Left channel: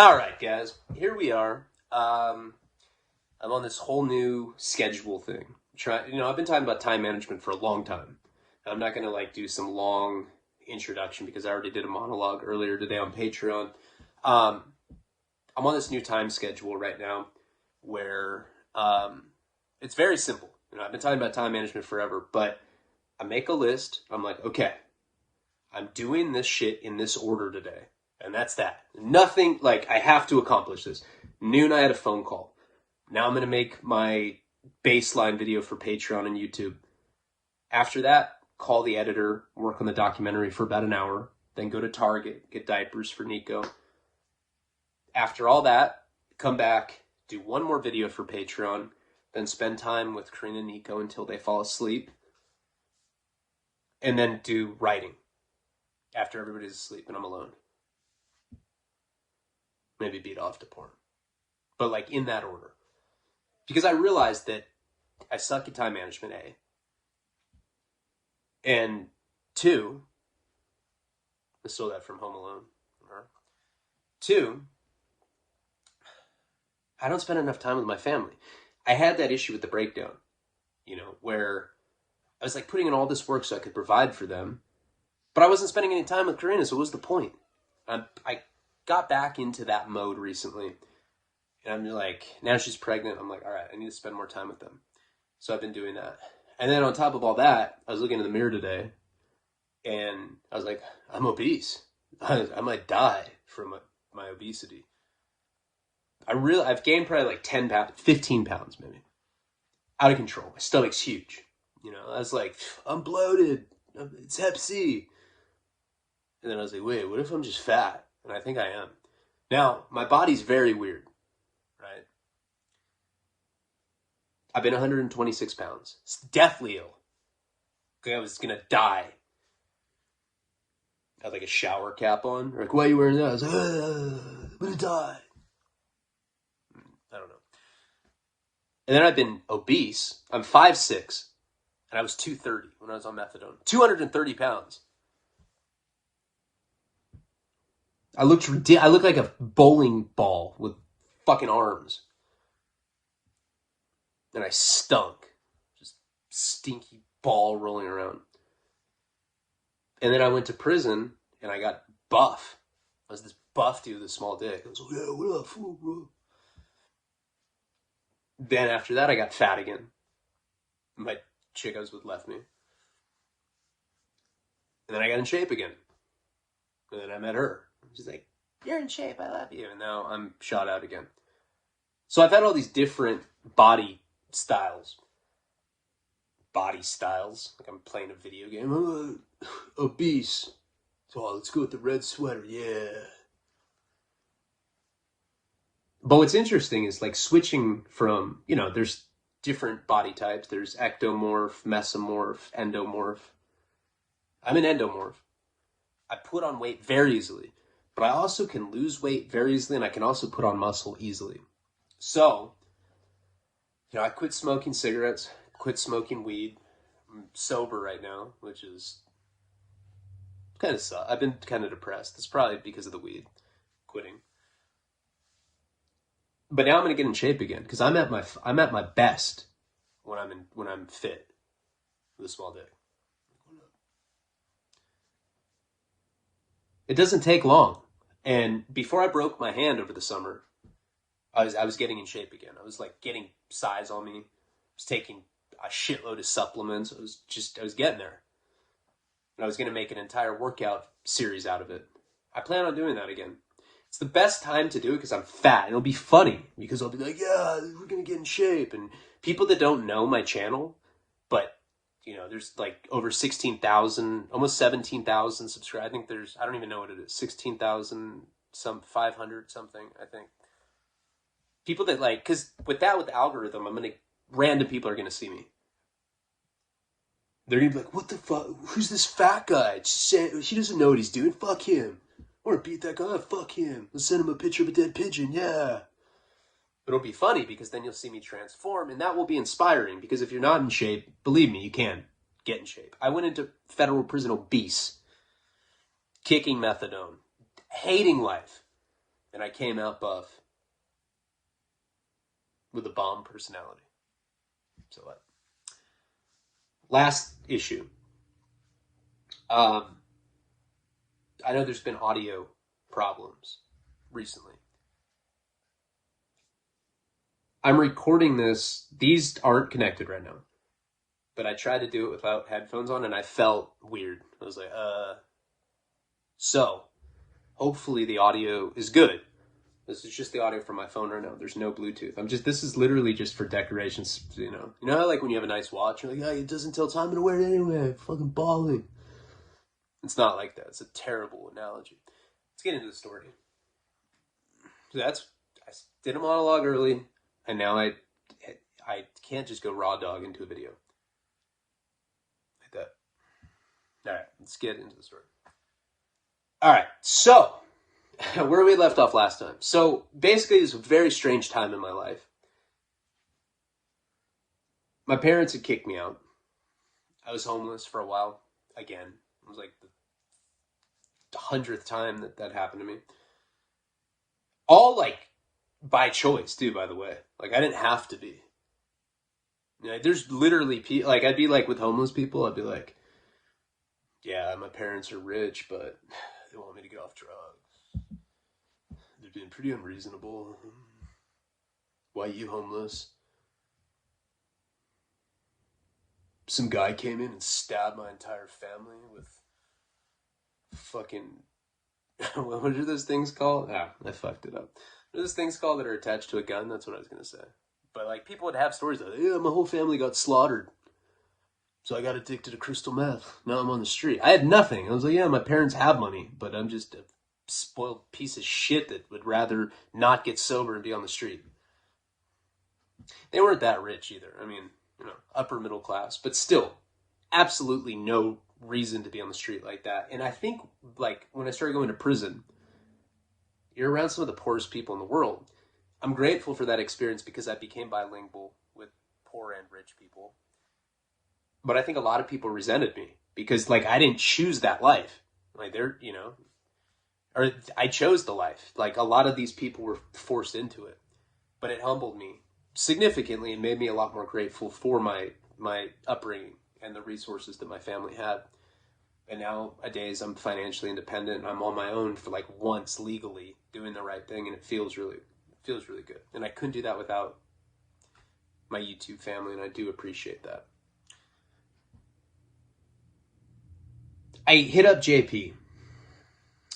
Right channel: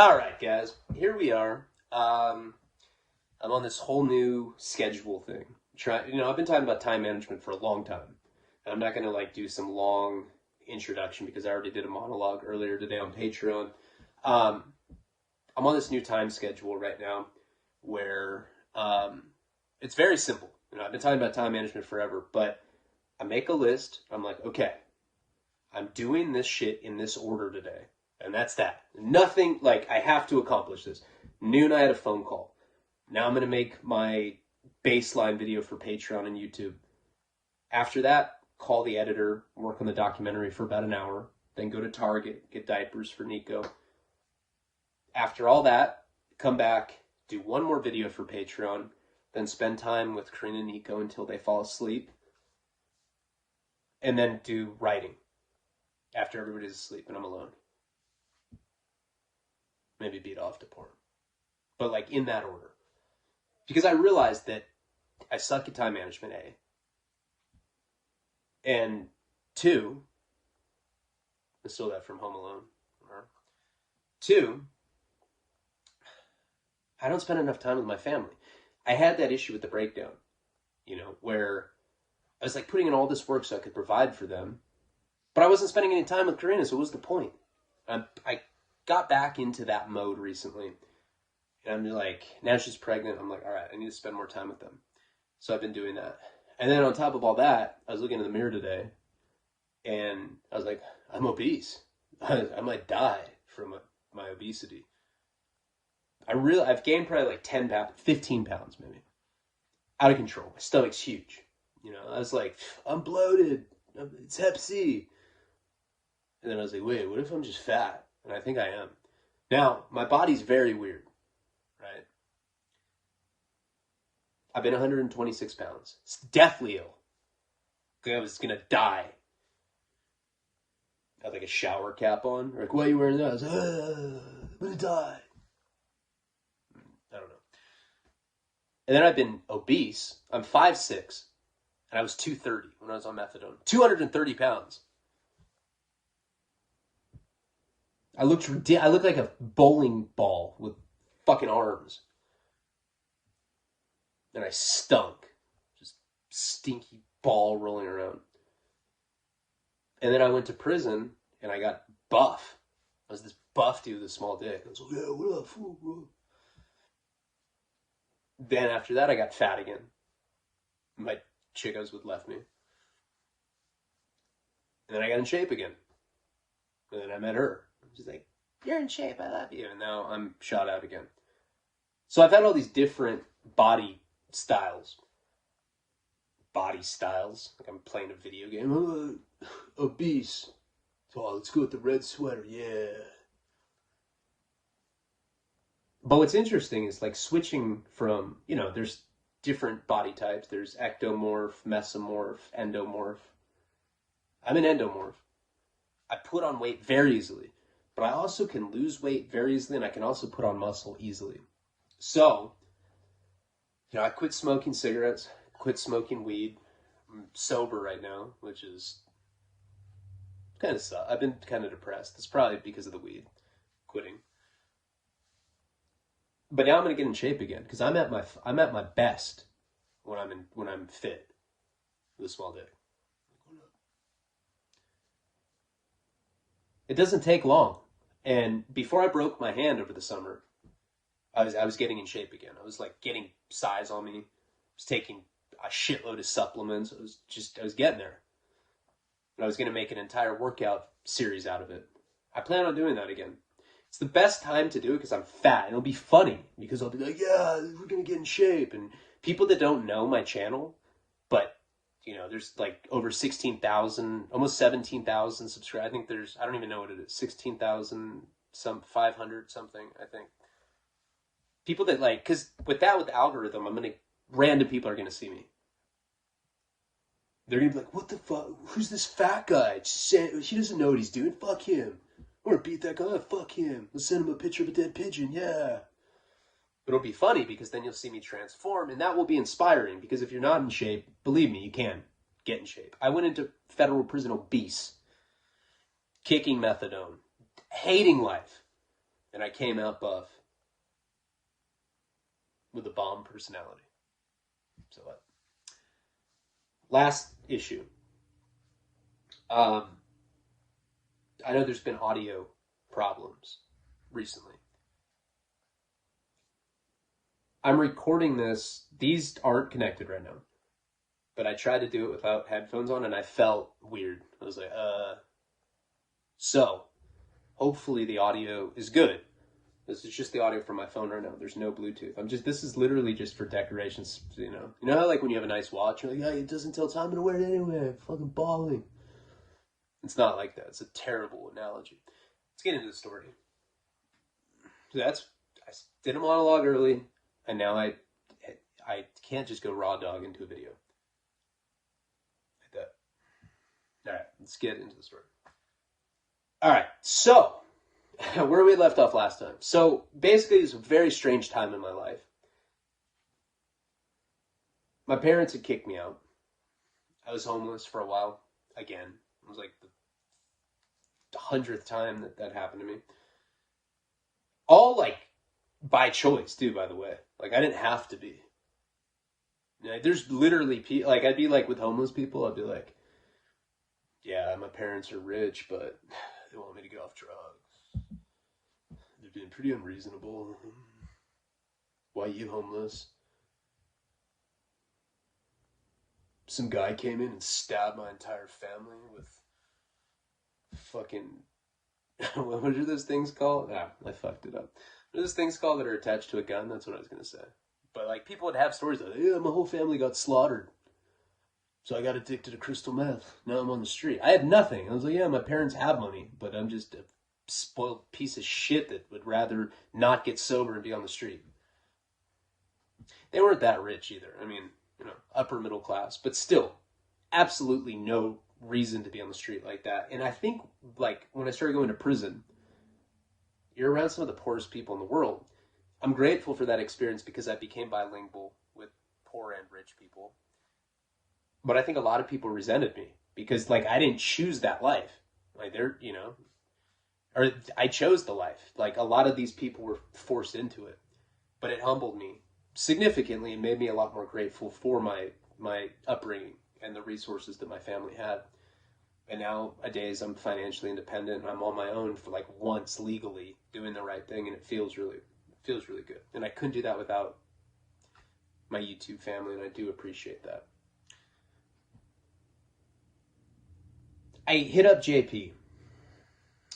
All right, guys, here we are. I'm on this whole new schedule thing. I've been talking about time management for a long time. I'm not gonna do some long introduction because I already did a monologue earlier today on Patreon. I'm on this new time schedule right now where it's very simple. I've been talking about time management forever, but I make a list. I'm like, okay, I'm doing this shit in this order today. And that's that. Nothing, I have to accomplish this. Noon, I had a phone call. Now I'm going to make my baseline video for Patreon and YouTube. After that, call the editor, work on the documentary for about an hour, then go to Target, get diapers for Nico. After all that, come back, do one more video for Patreon, then spend time with Karina and Nico until they fall asleep, and then do writing after everybody's asleep and I'm alone. Maybe beat off to porn. But in that order. Because I realized that I suck at time management, A. And 2, I stole that from Home Alone. 2, I don't spend enough time with my family. I had that issue with the breakdown, where I was putting in all this work so I could provide for them, but I wasn't spending any time with Karina, so what was the point? I got back into that mode recently. And I'm now she's pregnant. I'm like, all right, I need to spend more time with them. So I've been doing that. And then on top of all that, I was looking in the mirror today and I was like, I'm obese. I might die from my obesity. I've gained probably 10 pounds, 15 pounds maybe. Out of control. My stomach's huge. I was like, I'm bloated. It's Hep C. And then I was like, wait, what if I'm just fat? And I think I am. Now, my body's very weird, right? I've been 126 pounds. It's deathly ill. I was going to die. I had a shower cap on. They're why are you wearing that? I was like, I'm going to die. I don't know. And then I've been obese. I'm 5'6", and I was 230 when I was on methadone. 230 pounds. I looked like a bowling ball with fucking arms. And I stunk. Just stinky ball rolling around. And then I went to prison and I got buff. I was this buff dude with a small dick. I was like, yeah, what up, fool, bro? Then after that, I got fat again. My chick I was with left me. And then I got in shape again. And then I met her. She's like, you're in shape, I love you. And now I'm shot out again. So I've had all these different body styles. Like I'm playing a video game. Obese. Oh, let's go with the red sweater. Yeah. But what's interesting is switching from, there's different body types. There's ectomorph, mesomorph, endomorph. I'm an endomorph. I put on weight very easily. But I also can lose weight very easily, and I can also put on muscle easily. So, I quit smoking cigarettes, quit smoking weed. I'm sober right now, which is kind of sucks. I've been kind of depressed. It's probably because of the weed, quitting. But now I'm gonna get in shape again because I'm at my best when I'm fit with a small dick. It doesn't take long. And before I broke my hand over the summer, I was getting in shape again. I was getting size on me. I was taking a shitload of supplements. I was getting there. And I was going to make an entire workout series out of it. I plan on doing that again. It's the best time to do it because I'm fat. And it'll be funny because I'll be like, yeah, we're going to get in shape. And people that don't know my channel, but there's over 16,000, almost 17,000 subscribers. I think I don't even know what it is, 16,000, 500 something, I think. People that because with the algorithm, random people are going to see me. They're going to be like, what the fuck? Who's this fat guy? He doesn't know what he's doing. Fuck him. I want to beat that guy. Fuck him. Let's send him a picture of a dead pigeon. Yeah. But it'll be funny because then you'll see me transform, and that will be inspiring because if you're not in shape, believe me, you can get in shape. I went into federal prison obese, kicking methadone, hating life. and I came out buff with a bomb personality. So what? Last issue. I know there's been audio problems recently. I'm recording this. These aren't connected right now. But I tried to do it without headphones on, and I felt weird. I was like, So, hopefully the audio is good. This is just the audio from my phone right now. There's no Bluetooth. This is literally just for decorations, you know. You know how, like, when you have a nice watch, you're like, it doesn't tell time, I'm gonna wear it anyway. I'm fucking balling. It's not like that. It's a terrible analogy. Let's get into the story. So I did a monologue early, and now I can't just go raw dog into a video. Like that. All right, let's get into the story. All right, so where we left off last time. So basically, it's a very strange time in my life. My parents had kicked me out. I was homeless for a while. Again, it was like the 100th time that happened to me. All like by choice, too, by the way. Like, I didn't have to be. Like, there's literally people, like, I'd be like with homeless people, I'd be like, yeah, my parents are rich, but they want me to get off drugs. They're being pretty unreasonable. Why you homeless? Some guy came in and stabbed my entire family with fucking, what are those things called? Ah, I fucked it up. What are those things called that are attached to a gun? That's what I was going to say. But like, people would have stories like, yeah, my whole family got slaughtered, so I got addicted to crystal meth. Now I'm on the street. I had nothing. I was like, yeah, my parents have money, but I'm just a spoiled piece of shit that would rather not get sober and be on the street. They weren't that rich either. I mean, you know, upper middle class, but still, absolutely no reason to be on the street like that. And I think, like, when I started going to prison, you're around some of the poorest people in the world. I'm grateful for that experience because I became bilingual with poor and rich people. But I think a lot of people resented me because, like, I didn't choose that life. Like, they're, you know, or I chose the life. Like, a lot of these people were forced into it. But it humbled me significantly and made me a lot more grateful for my upbringing and the resources that my family had. And nowadays, I'm financially independent. I'm on my own for like once legally doing the right thing, and it feels really good. And I couldn't do that without my YouTube family, and I do appreciate that. I hit up JP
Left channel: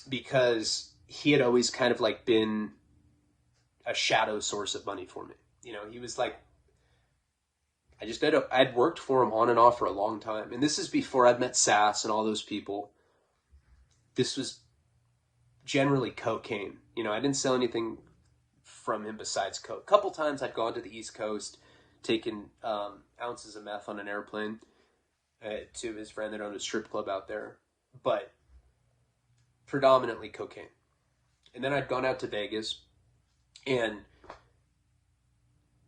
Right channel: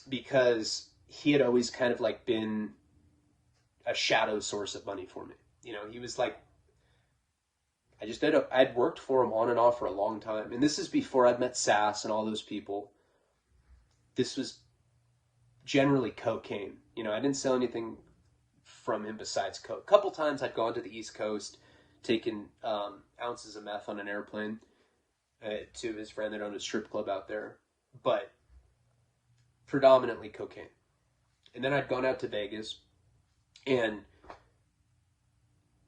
because he had always kind of like been a shadow source of money for me. You know, he was like, I'd worked for him on and off for a long time. And this is before I'd met Sass and all those people. This was generally cocaine. You know, I didn't sell anything from him besides coke. A couple times I'd gone to the East Coast, taken ounces of meth on an airplane to his friend that owned a strip club out there. But predominantly cocaine. And then I'd gone out to Vegas, and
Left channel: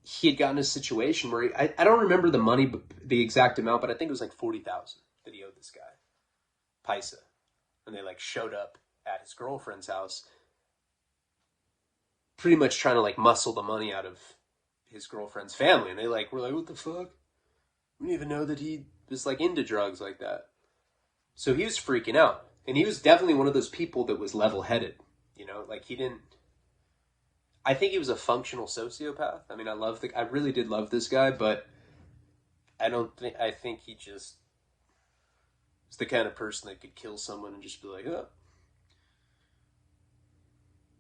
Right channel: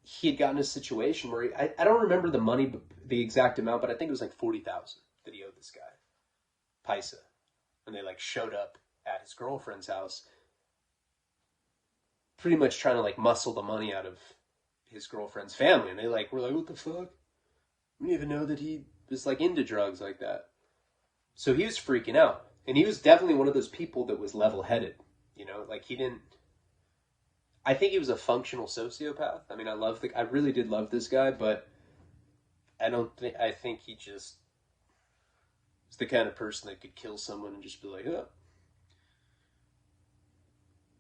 he had gotten a situation where I don't remember the money, the exact amount, but I think it was like $40,000 that he owed this guy, Paisa. And they like showed up at his girlfriend's house, pretty much trying to like muscle the money out of his girlfriend's family. And they like were like, what the fuck? We didn't even know that he was like into drugs like that. So he was freaking out. And he was definitely one of those people that was level-headed. You know, like he didn't, I think he was a functional sociopath. I mean, I really did love this guy, but I think he just is the kind of person that could kill someone and just be like, oh,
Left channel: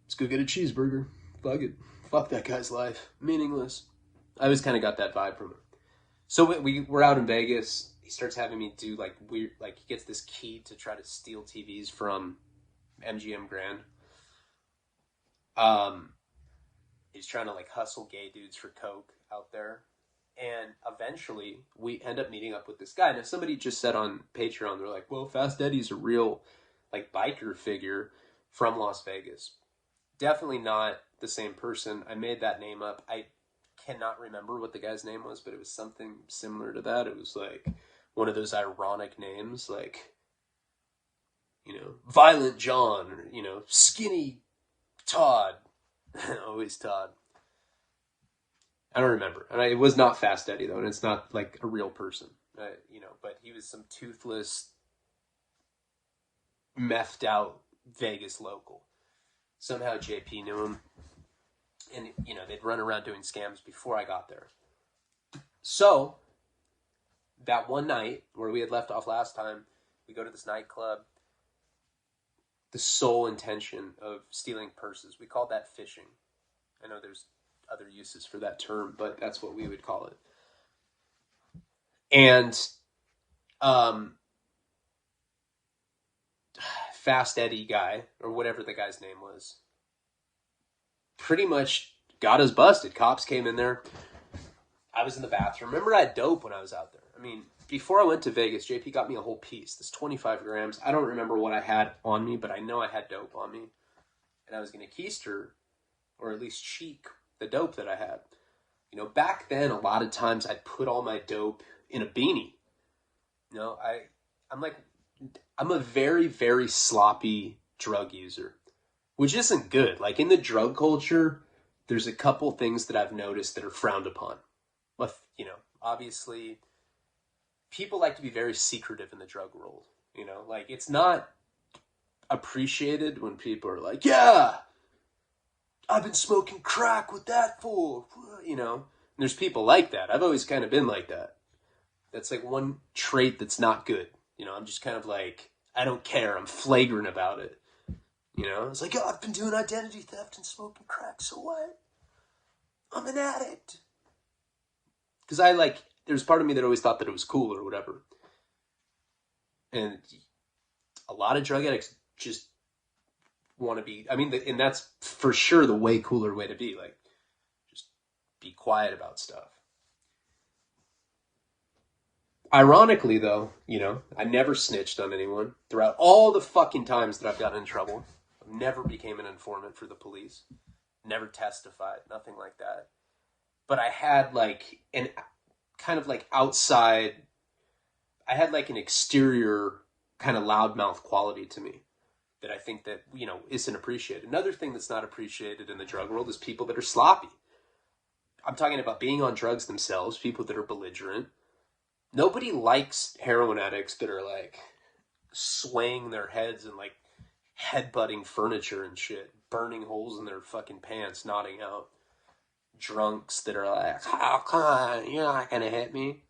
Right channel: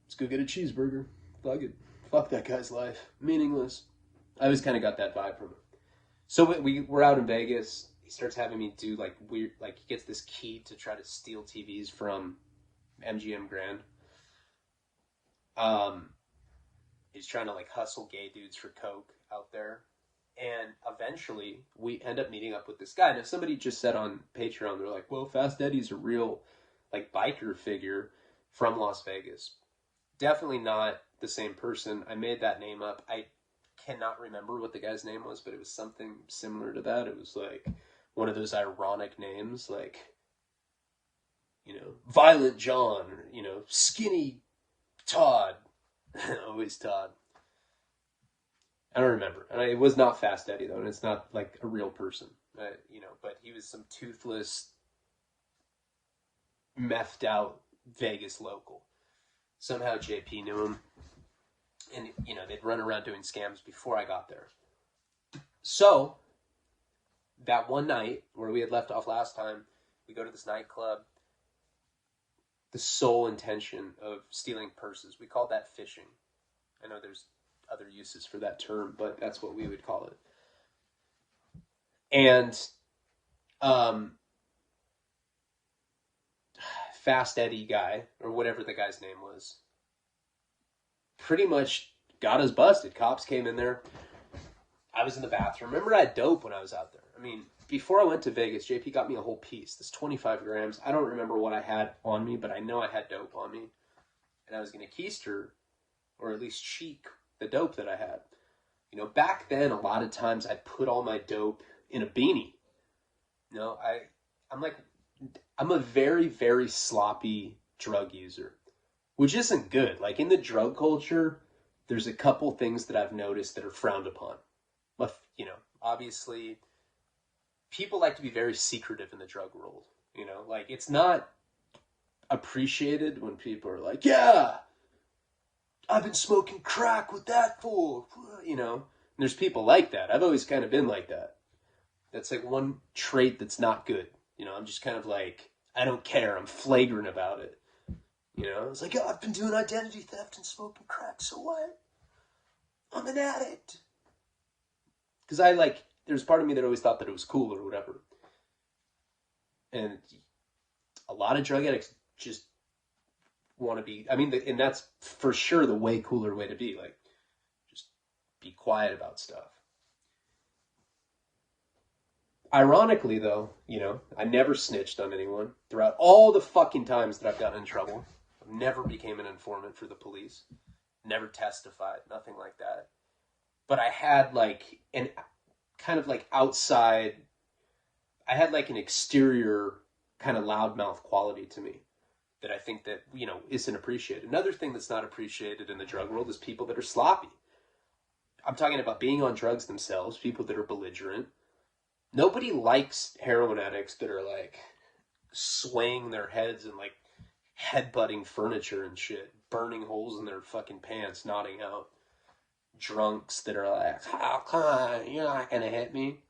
let's go get a cheeseburger. Fuck it. Fuck that guy's life. Meaningless. I always kind of got that vibe from him. So we're out in Vegas. He starts having me do like weird, like he gets this key to try to steal TVs from MGM Grand. He's trying to like hustle gay dudes for coke out there. And eventually we end up meeting up with this guy. Now somebody just said on Patreon, they're like, well, Fast Eddie's a real like biker figure from Las Vegas. Definitely not the same person. I made that name up. I cannot remember what the guy's name was, but it was something similar to that. It was like one of those ironic names, like, you know, Violent John, or, you know, Skinny Todd, Always Todd. I don't remember. And it was not Fast Eddie, though, and it's not like a real person. But he was some toothless, methed out Vegas local. Somehow JP knew him. And, they'd run around doing scams before I got there. So, that one night where we had left off last time, we go to this nightclub. The sole intention of stealing purses. We called that fishing. I know there's other uses for that term, but that's what we would call it. And Fast Eddie guy, or whatever the guy's name was, pretty much got us busted. Cops came in there. I was in the bathroom. Remember, I had dope when I was out there. I mean, before I went to Vegas, JP got me a whole piece. This 25 grams. I don't remember what I had on me, but I know I had dope on me. And I was going to keister, or at least cheek, the dope that I had. Back then, a lot of times I'd put all my dope in a beanie. I'm a very, very sloppy drug user, which isn't good. Like, in the drug culture, there's a couple things that I've noticed that are frowned upon. Obviously, people like to be very secretive in the drug world. Like, it's not appreciated when people are like, yeah, I've been smoking crack with that fool. There's people like that. I've always kind of been like that. That's like one trait that's not good. I'm just kind of like, I don't care. I'm flagrant about it. It's like, oh, I've been doing identity theft and smoking crack. So what? I'm an addict. Because there's part of me that always thought that it was cool or whatever. And a lot of drug addicts just want to be, and that's for sure the way cooler way to be. Like, just be quiet about stuff. Ironically, though, I never snitched on anyone. Throughout all the fucking times that I've gotten in trouble, I never became an informant for the police. Never testified, nothing like that. But I had an an exterior kind of loudmouth quality to me that I think that, isn't appreciated. Another thing that's not appreciated in the drug world is people that are sloppy. I'm talking about being on drugs themselves, people that are belligerent. Nobody likes heroin addicts that are swaying their heads and headbutting furniture and shit, burning holes in their fucking pants, nodding out. Drunks that are like, oh, come on, you're not gonna hit me.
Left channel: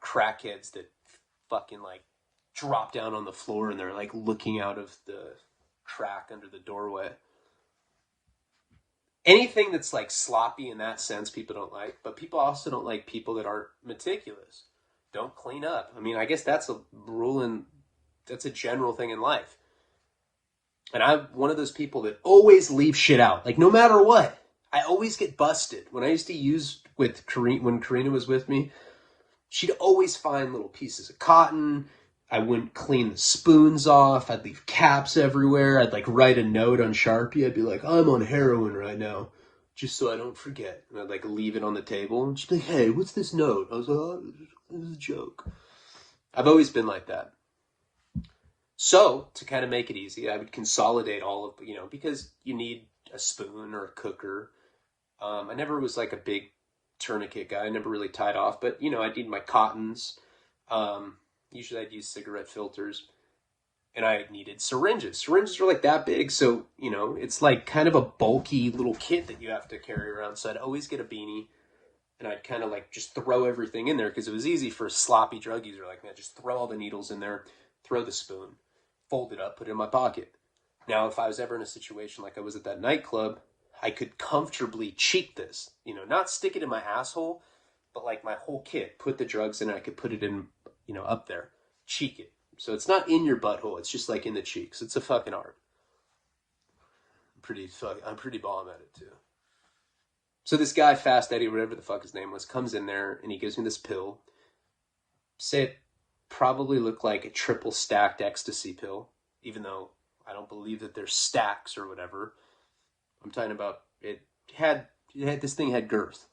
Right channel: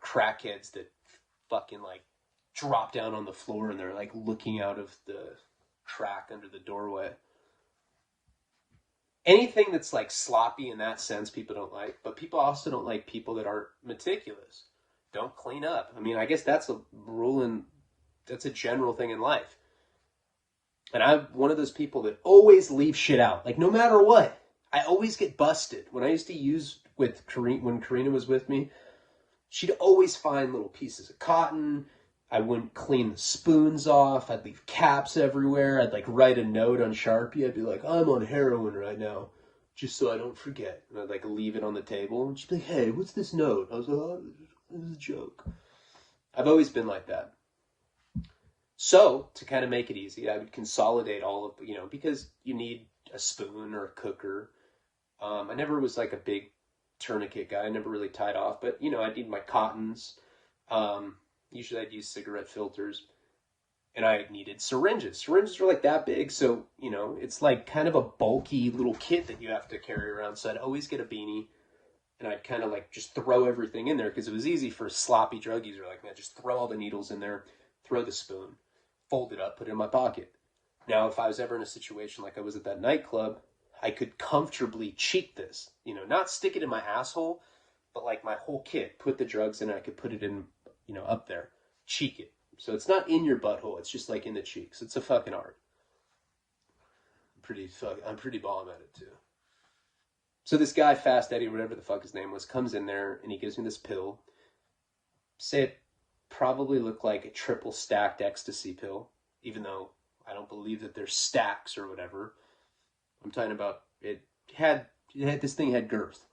Crackheads that fucking drop down on the floor and they're looking out of the crack under the doorway. Anything that's sloppy in that sense, people don't like. But people also don't like people that aren't meticulous, don't clean up. I guess that's a rule that's a general thing in life. And I'm one of those people that always leave shit out. No matter what, I always get busted. When I used to use with Karina, when Karina was with me, she'd always find little pieces of cotton. I wouldn't clean the spoons off. I'd leave caps everywhere. I'd write a note on Sharpie. I'd be like, I'm on heroin right now, just so I don't forget. And I'd leave it on the table. And she'd be like, hey, what's this note? I was like, oh, this is a joke. I've always been like that. So to kind of make it easy, I would consolidate all of, because you need a spoon or a cooker. I never was a big tourniquet guy. I never really tied off, but I'd need my cottons. Usually I'd use cigarette filters, and I needed syringes. Syringes are that big, so it's kind of a bulky little kit that you have to carry around. So I'd always get a beanie, and I'd kind of just throw everything in there because it was easy for a sloppy drug user like me. Just throw all the needles in there, throw the spoon, fold it up, put it in my pocket. Now, if I was ever in a situation like I was at that nightclub, I could comfortably cheek this, not stick it in my asshole, but my whole kit, put the drugs in it. I could put it in, up there, cheek it. So it's not in your butthole. It's just in the cheeks. It's a fucking art. I'm pretty bomb at it too. So this guy, Fast Eddie, whatever the fuck his name was, comes in there and he gives me this pill. Say it probably looked like a triple stacked ecstasy pill, even though I don't believe that there's stacks or whatever. I'm talking about this thing had girth.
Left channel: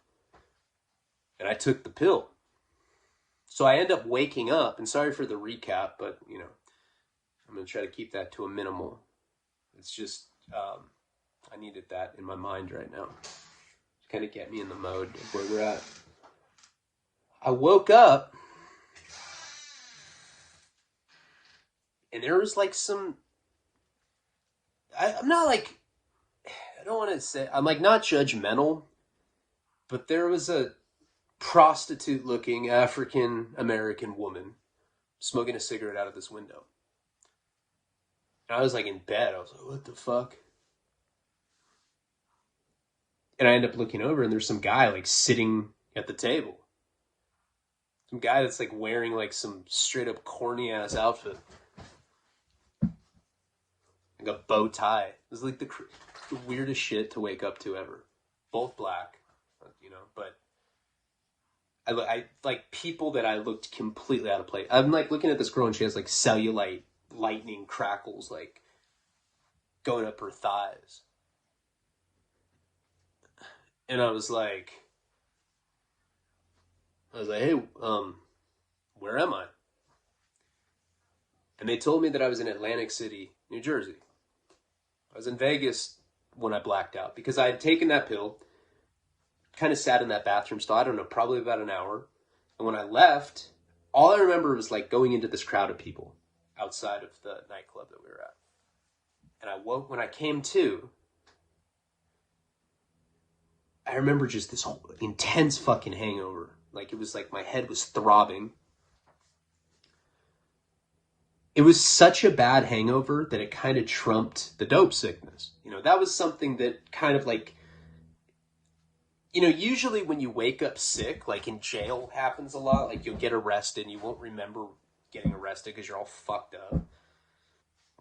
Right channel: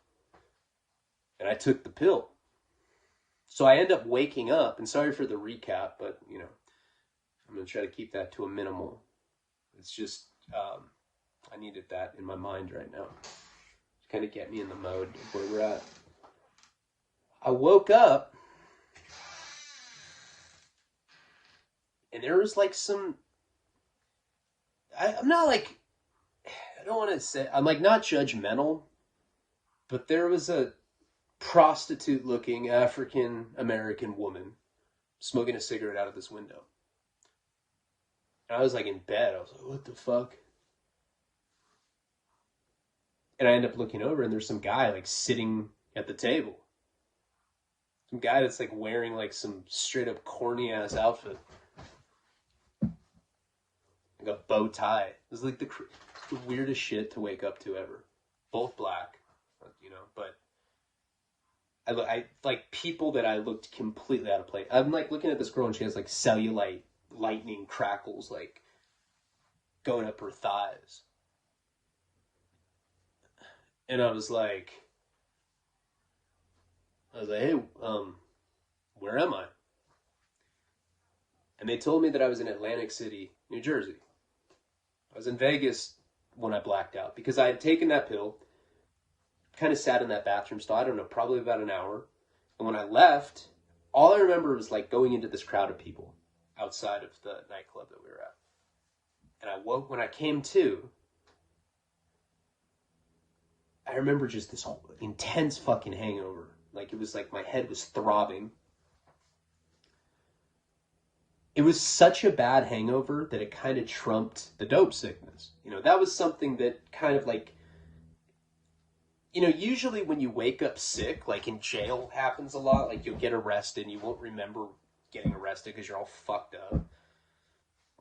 And I took the pill. So I end up waking up, and sorry for the recap, but, I'm going to try to keep that to a minimal. It's just, I needed that in my mind right now. Kind of get me in the mode of where we're at. I woke up and there was like some, I'm not like, I don't want to say, I'm like not judgmental, but there was a prostitute looking African American woman smoking a cigarette out of this window. And I was like in bed. I was like, what the fuck? And I end up looking over and there's some guy like sitting at the table. Some guy that's like wearing like some straight up corny ass outfit. Like a bow tie. It was like the weirdest shit to wake up to ever. Both black, you know, but I like people that I looked completely out of place. I'm like looking at this girl and she has like cellulite lightning crackles like going up her thighs. And I was like, hey, where am I? And they told me that I was in Atlantic City, New Jersey. I was in Vegas when I blacked out because I had taken that pill, kind of sat in that bathroom stall, I don't know, probably about an hour. And when I left, all I remember was like going into this crowd of people outside of the nightclub that we were at. And I woke, when I came to, I remember just this whole intense fucking hangover. Like it was like my head was throbbing. It was such a bad hangover that it kind of trumped the dope sickness. You know, that was something that kind of like, you know, usually when you wake up sick, like in jail happens a lot, like you'll get arrested and you won't remember getting arrested because you're all fucked up,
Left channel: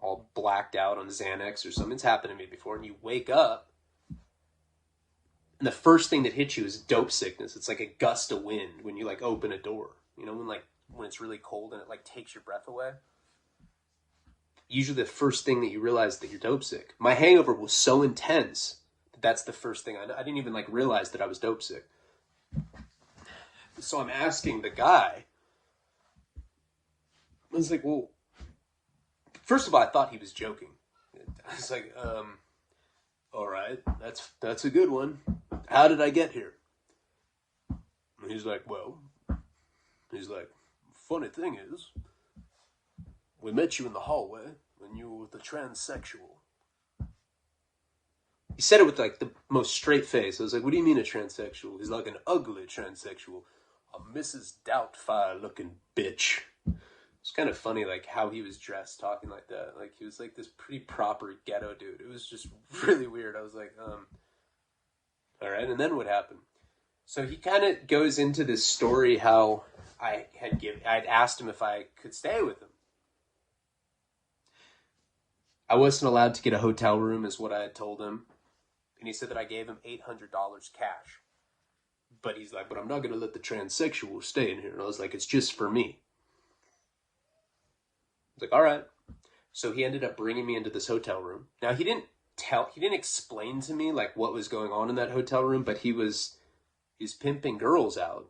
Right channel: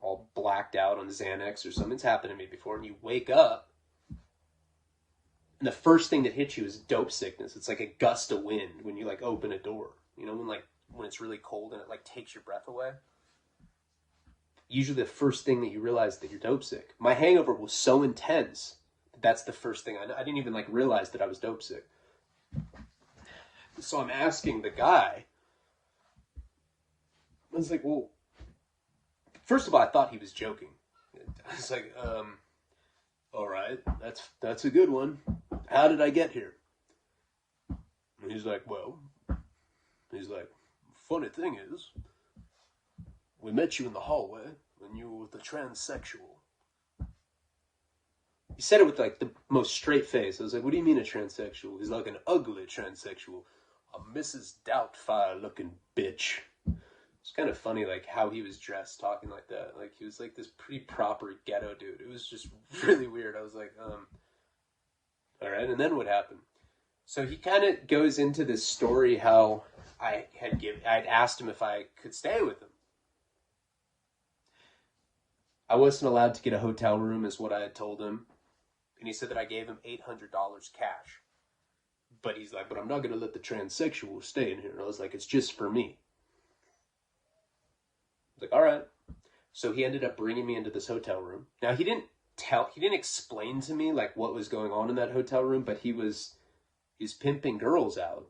all blacked out on Xanax or something's happened to me before, and you wake up and the first thing that hits you is dope sickness. It's like a gust of wind when you like open a door, you know, when it's really cold and it like takes your breath away. Usually the first thing that you realize that you're dope sick. My hangover was so intense that that's the first thing. I didn't even like realize that I was dope sick. So I'm asking the guy, I was like, well, first of all, I thought he was joking. I was like, all right, that's a good one. How did I get here? And he's like, funny thing is, we met you in the hallway when you were with the transsexual. He said it with like the most straight face. I was like, what do you mean a transsexual? He's like, an ugly transsexual. A Mrs. Doubtfire looking bitch. It's kind of funny like how he was dressed talking like that. Like he was like this pretty proper ghetto dude. It was just really weird. I was like, all right, and then what happened? So he kind of goes into this story how I'd asked him if I could stay with him. I wasn't allowed to get a hotel room is what I had told him. And he said that I gave him $800 cash. But he's like, but I'm not going to let the transsexual stay in here. And I was like, it's just for me. I was like, all right. So he ended up bringing me into this hotel room. Now he didn't explain to me like what was going on in that hotel room, but he's pimping girls out.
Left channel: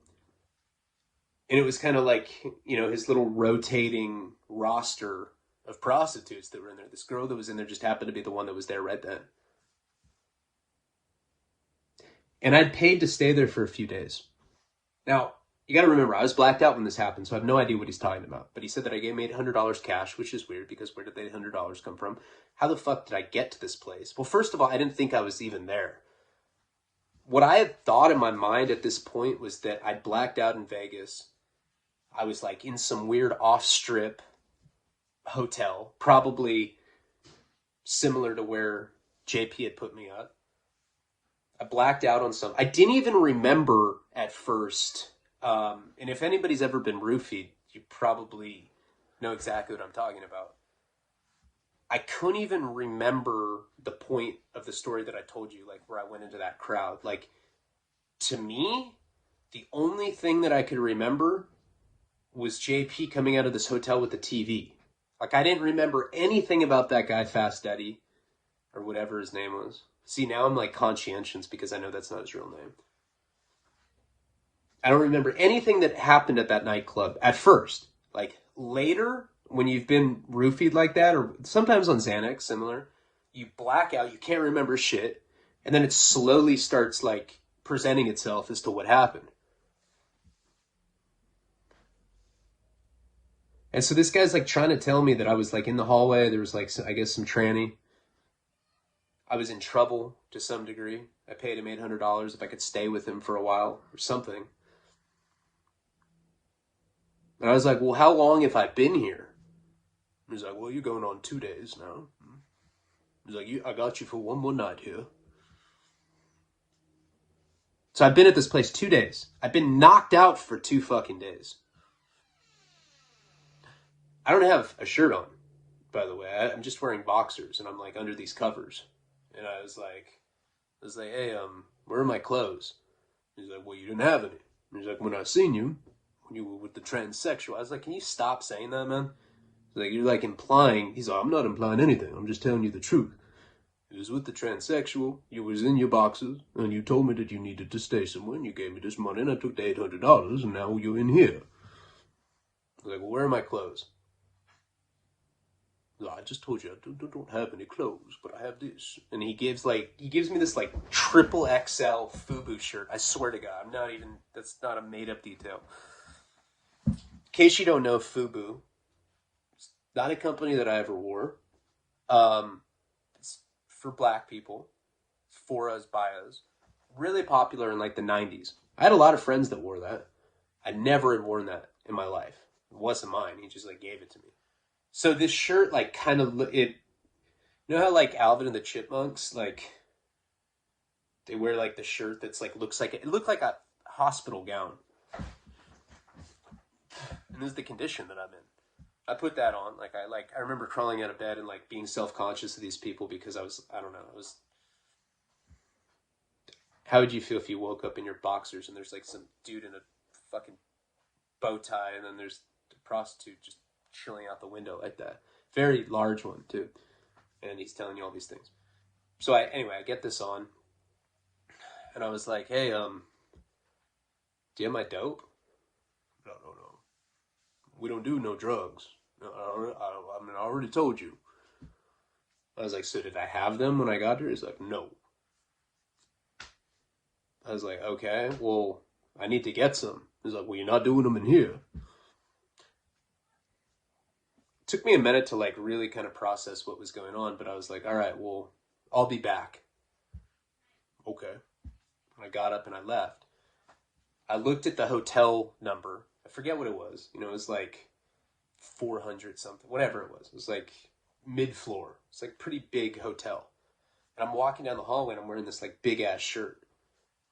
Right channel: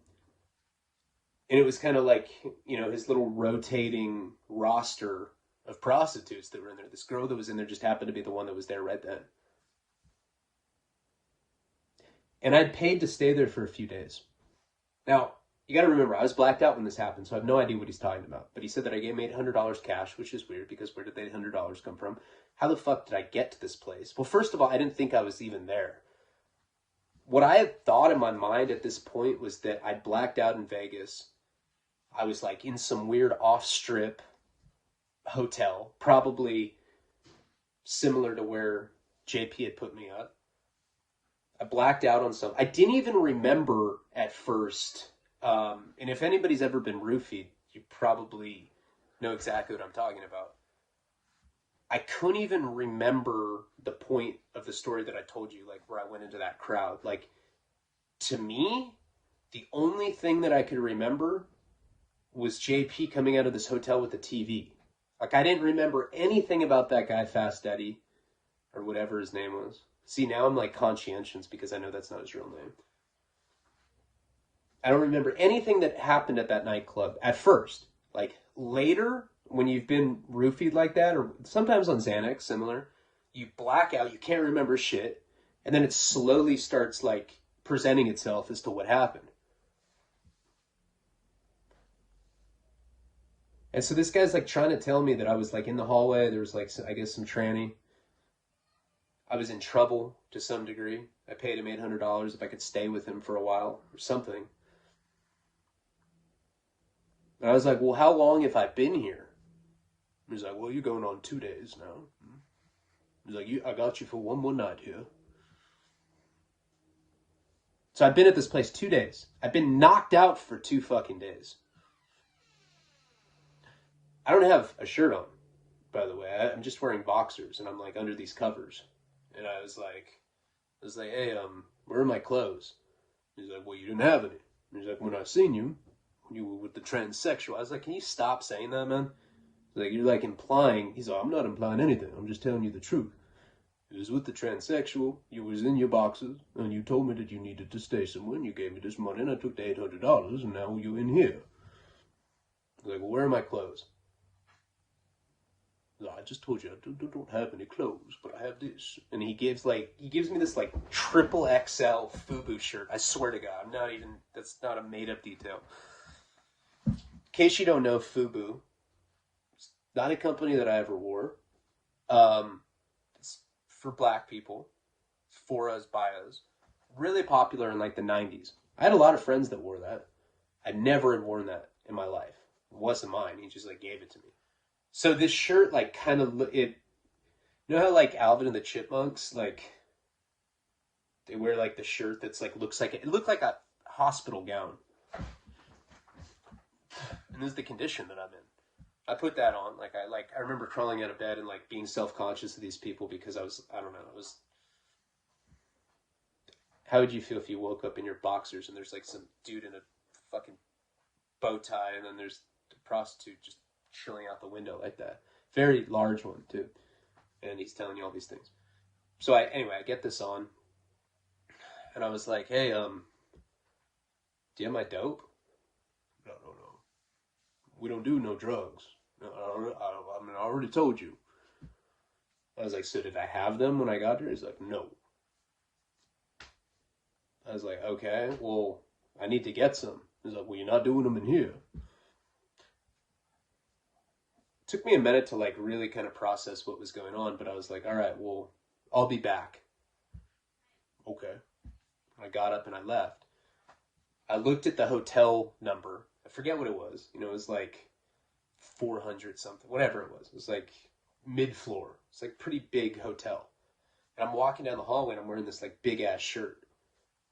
And it was kind of like, you know, his little rotating roster of prostitutes that were in there. This girl that was in there just happened to be the one that was there right then. And I'd paid to stay there for a few days. Now, you got to remember, I was blacked out when this happened, so I have no idea what he's talking about. But he said that I gave him $800 cash, which is weird because where did the $800 come from? How the fuck did I get to this place? Well, first of all, I didn't think I was even there. What I had thought in my mind at this point was that I'd blacked out in Vegas. I was like in some weird off-strip hotel, probably similar to where JP had put me up. I blacked out on some. I didn't even remember at first. And if anybody's ever been roofied, you probably know exactly what I'm talking about. I couldn't even remember the point of the story that I told you, like where I went into that crowd. Like, to me, the only thing that I could remember was JP coming out of this hotel with the TV. Like, I didn't remember anything about that guy, Fast Eddie, or whatever his name was. See, now I'm like conscientious because I know that's not his real name. I don't remember anything that happened at that nightclub at first. Like, later, when you've been roofied like that, or sometimes on Xanax, similar, you black out, you can't remember shit, and then it slowly starts like presenting itself as to what happened. And so this guy's like trying to tell me that I was like in the hallway, there was like, I guess some tranny. I was in trouble to some degree. I paid him $800 if I could stay with him for a while or something. And I was like, well, how long have I been here? He's like, well, you're going on 2 days now. He's like, I got you for one more night here. So I've been at this place 2 days. I've been knocked out for 2 fucking days. I don't have a shirt on, by the way. I'm just wearing boxers, and I'm like under these covers. And I was like, hey, where are my clothes? He's like, well, you didn't have any. He's like, when I seen you, when you were with the transsexual. I was like, can you stop saying that, man? He's like, you're like implying. He's like, I'm not implying anything. I'm just telling you the truth. It was with the transsexual. You was in your boxes, and you told me that you needed to stay somewhere, and you gave me this money, and I took the $800, and now you're in here. I was like, well, where are my clothes? I just told you I don't have any clothes, but I have this. And he gives me this like triple XL FUBU shirt. I swear to God, that's not a made up detail. In case you don't know, FUBU, it's not a company that I ever wore. It's for black people, for us, by us. Really popular in like the 90s. I had a lot of friends that wore that. I never had worn that in my life. It wasn't mine. He just like gave it to me. So this shirt, like, kind of, you know how, like, Alvin and the Chipmunks, like, they wear, like, the shirt that's, like, it looked like a hospital gown. And this is the condition that I'm in. I put that on, I remember crawling out of bed and, like, being self-conscious of these people because how would you feel if you woke up in your boxers and there's, like, some dude in a fucking bow tie and then there's a prostitute just chilling out the window like that. Very large one, too. And he's telling you all these things. So I get this on. And I was like, hey, do you have my dope? No. We don't do no drugs. I already told you. I was like, so did I have them when I got here? He's like, no. I was like, okay, well, I need to get some. He's like, well, you're not doing them in here. Took me a minute to like really kind of process what was going on, but I was like, all right, well, I'll be back. Okay. I got up and I left. I looked at the hotel number. I forget what it was. It was like 400 something, whatever it was. It was like mid-floor. It's like pretty big hotel. And I'm walking down the hallway and I'm wearing this like big ass shirt.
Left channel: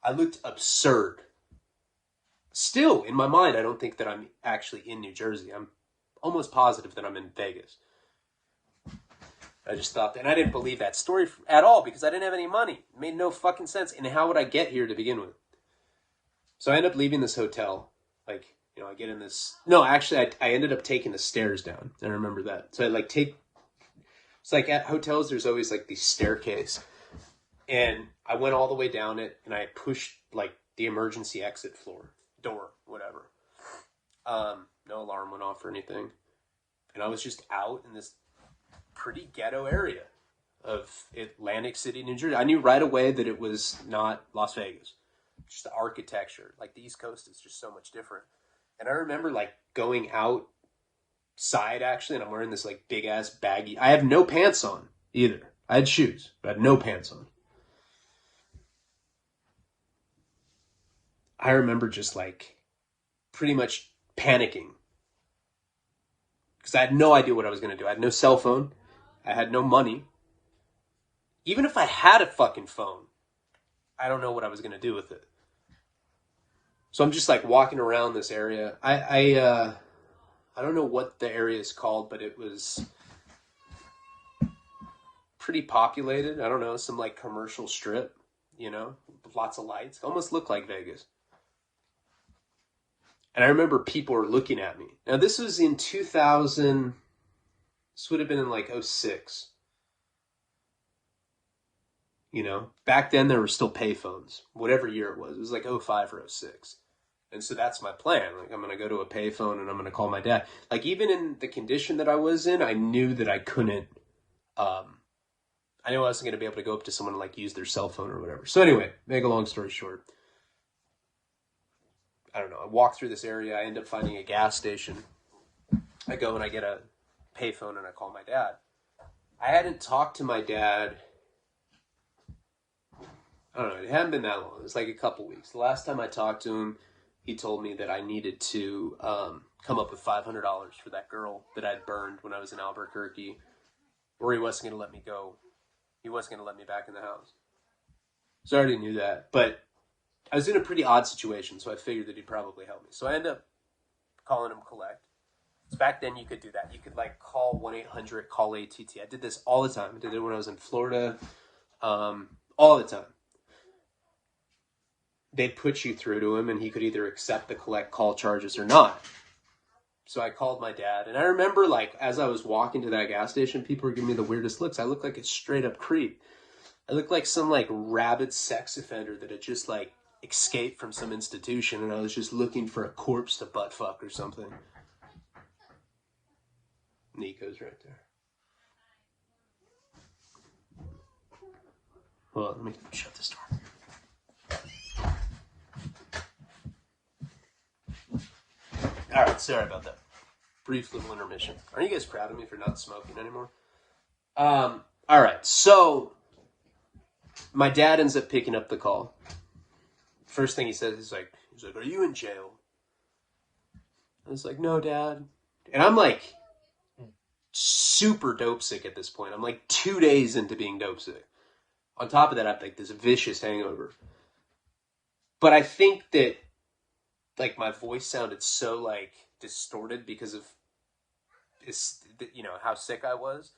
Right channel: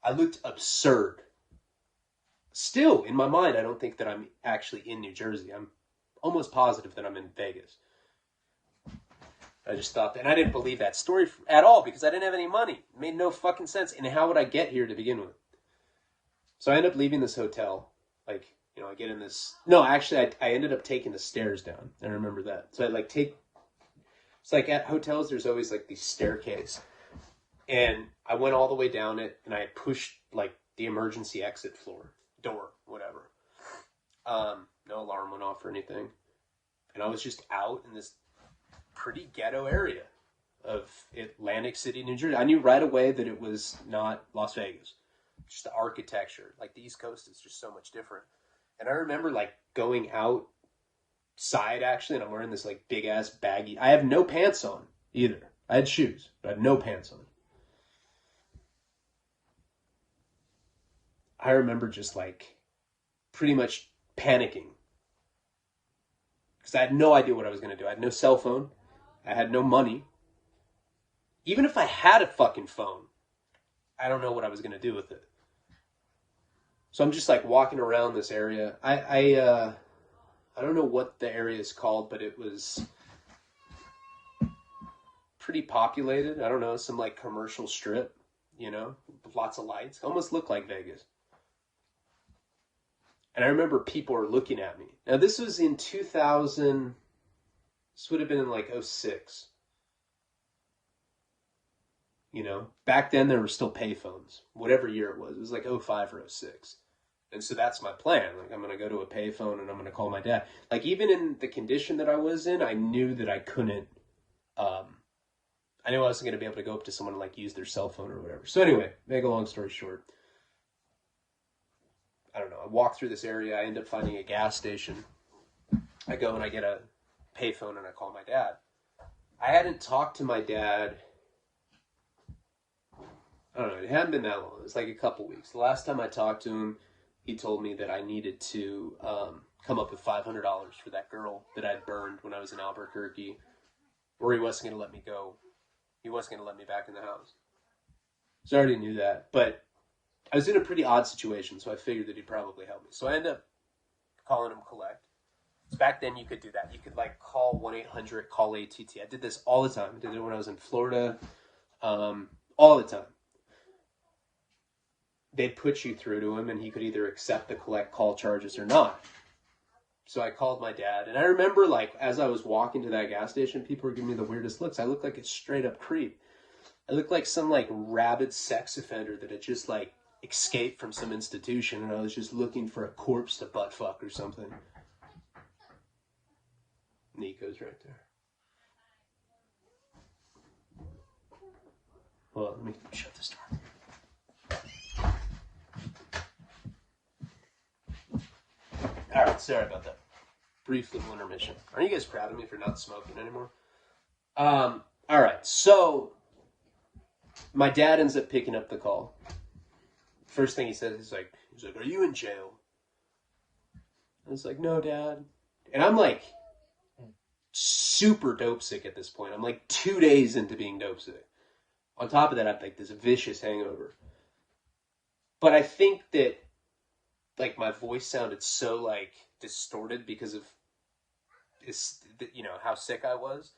I looked absurd. Still, in my mind, I don't think that I'm actually in New Jersey. I'm almost positive that I'm in Vegas. I just thought that, and I didn't believe that story at all because I didn't have any money. It made no fucking sense. And how would I get here to begin with? So I end up leaving this hotel. I get in this. No, actually, I ended up taking the stairs down. I remember that. So it's like at hotels, there's always like these staircase. And I went all the way down it and I pushed like the emergency exit door, whatever. No alarm went off or anything. And I was just out in this pretty ghetto area of Atlantic City, New Jersey. I knew right away that it was not Las Vegas. Just the architecture. Like the East Coast is just so much different. And I remember like going outside actually, and I'm wearing this like big ass baggy. I have no pants on either. I had shoes, but I had no pants on. I remember just like pretty much panicking because I had no idea what I was going to do. I had no cell phone. I had no money. Even if I had a fucking phone, I don't know what I was going to do with it. So I'm just like walking around this area. I don't know what the area is called, but it was pretty populated. I don't know, some like commercial strip, with lots of lights. Almost looked like Vegas. And I remember people were looking at me. Now, this was in 2000. This would have been in like 06. Back then there were still payphones. Whatever year it was like 05 or 06. And so that's my plan. Like, I'm going to go to a payphone and I'm going to call my dad. Like, even in the condition that I was in, I knew that I couldn't I knew I wasn't going to be able to go up to someone and like use their cell phone or whatever. So anyway, make a long story short, I don't know. I walk through this area. I end up finding a gas station. I go and I get a payphone and I call my dad. I hadn't talked to my dad. I don't know. It hadn't been that long. It was like a couple weeks. The last time I talked to him, he told me that I needed to come up with $500 for that girl that I'd burned when I was in Albuquerque, or he wasn't going to let me go. He wasn't going to let me back in the house. So I already knew that. But I was in a pretty odd situation, so I figured that he'd probably help me. So I ended up calling him collect. Back then you could do that. You could like call 1-800, call ATT. I did this all the time. I did it when I was in Florida, all the time. They'd put you through to him and he could either accept the collect call charges or not. So I called my dad, and I remember like as I was walking to that gas station, people were giving me the weirdest looks. I looked like a straight up creep. I looked like some like rabid sex offender that had just like escaped from some institution, and I was just looking for a corpse to butt fuck or something. Nico's right there. Well, let me shut this door. All right, sorry about that. Brief little intermission. Are you guys proud of me for not smoking anymore? All right, so my dad ends up picking up the call. First thing he says, he's like, "Are you in jail?" I was like, "No, Dad." And I'm like super dope sick at this point. I'm like 2 days into being dope sick. On top of that, I have like this vicious hangover. But I think that like my voice sounded so like distorted because of how sick I was.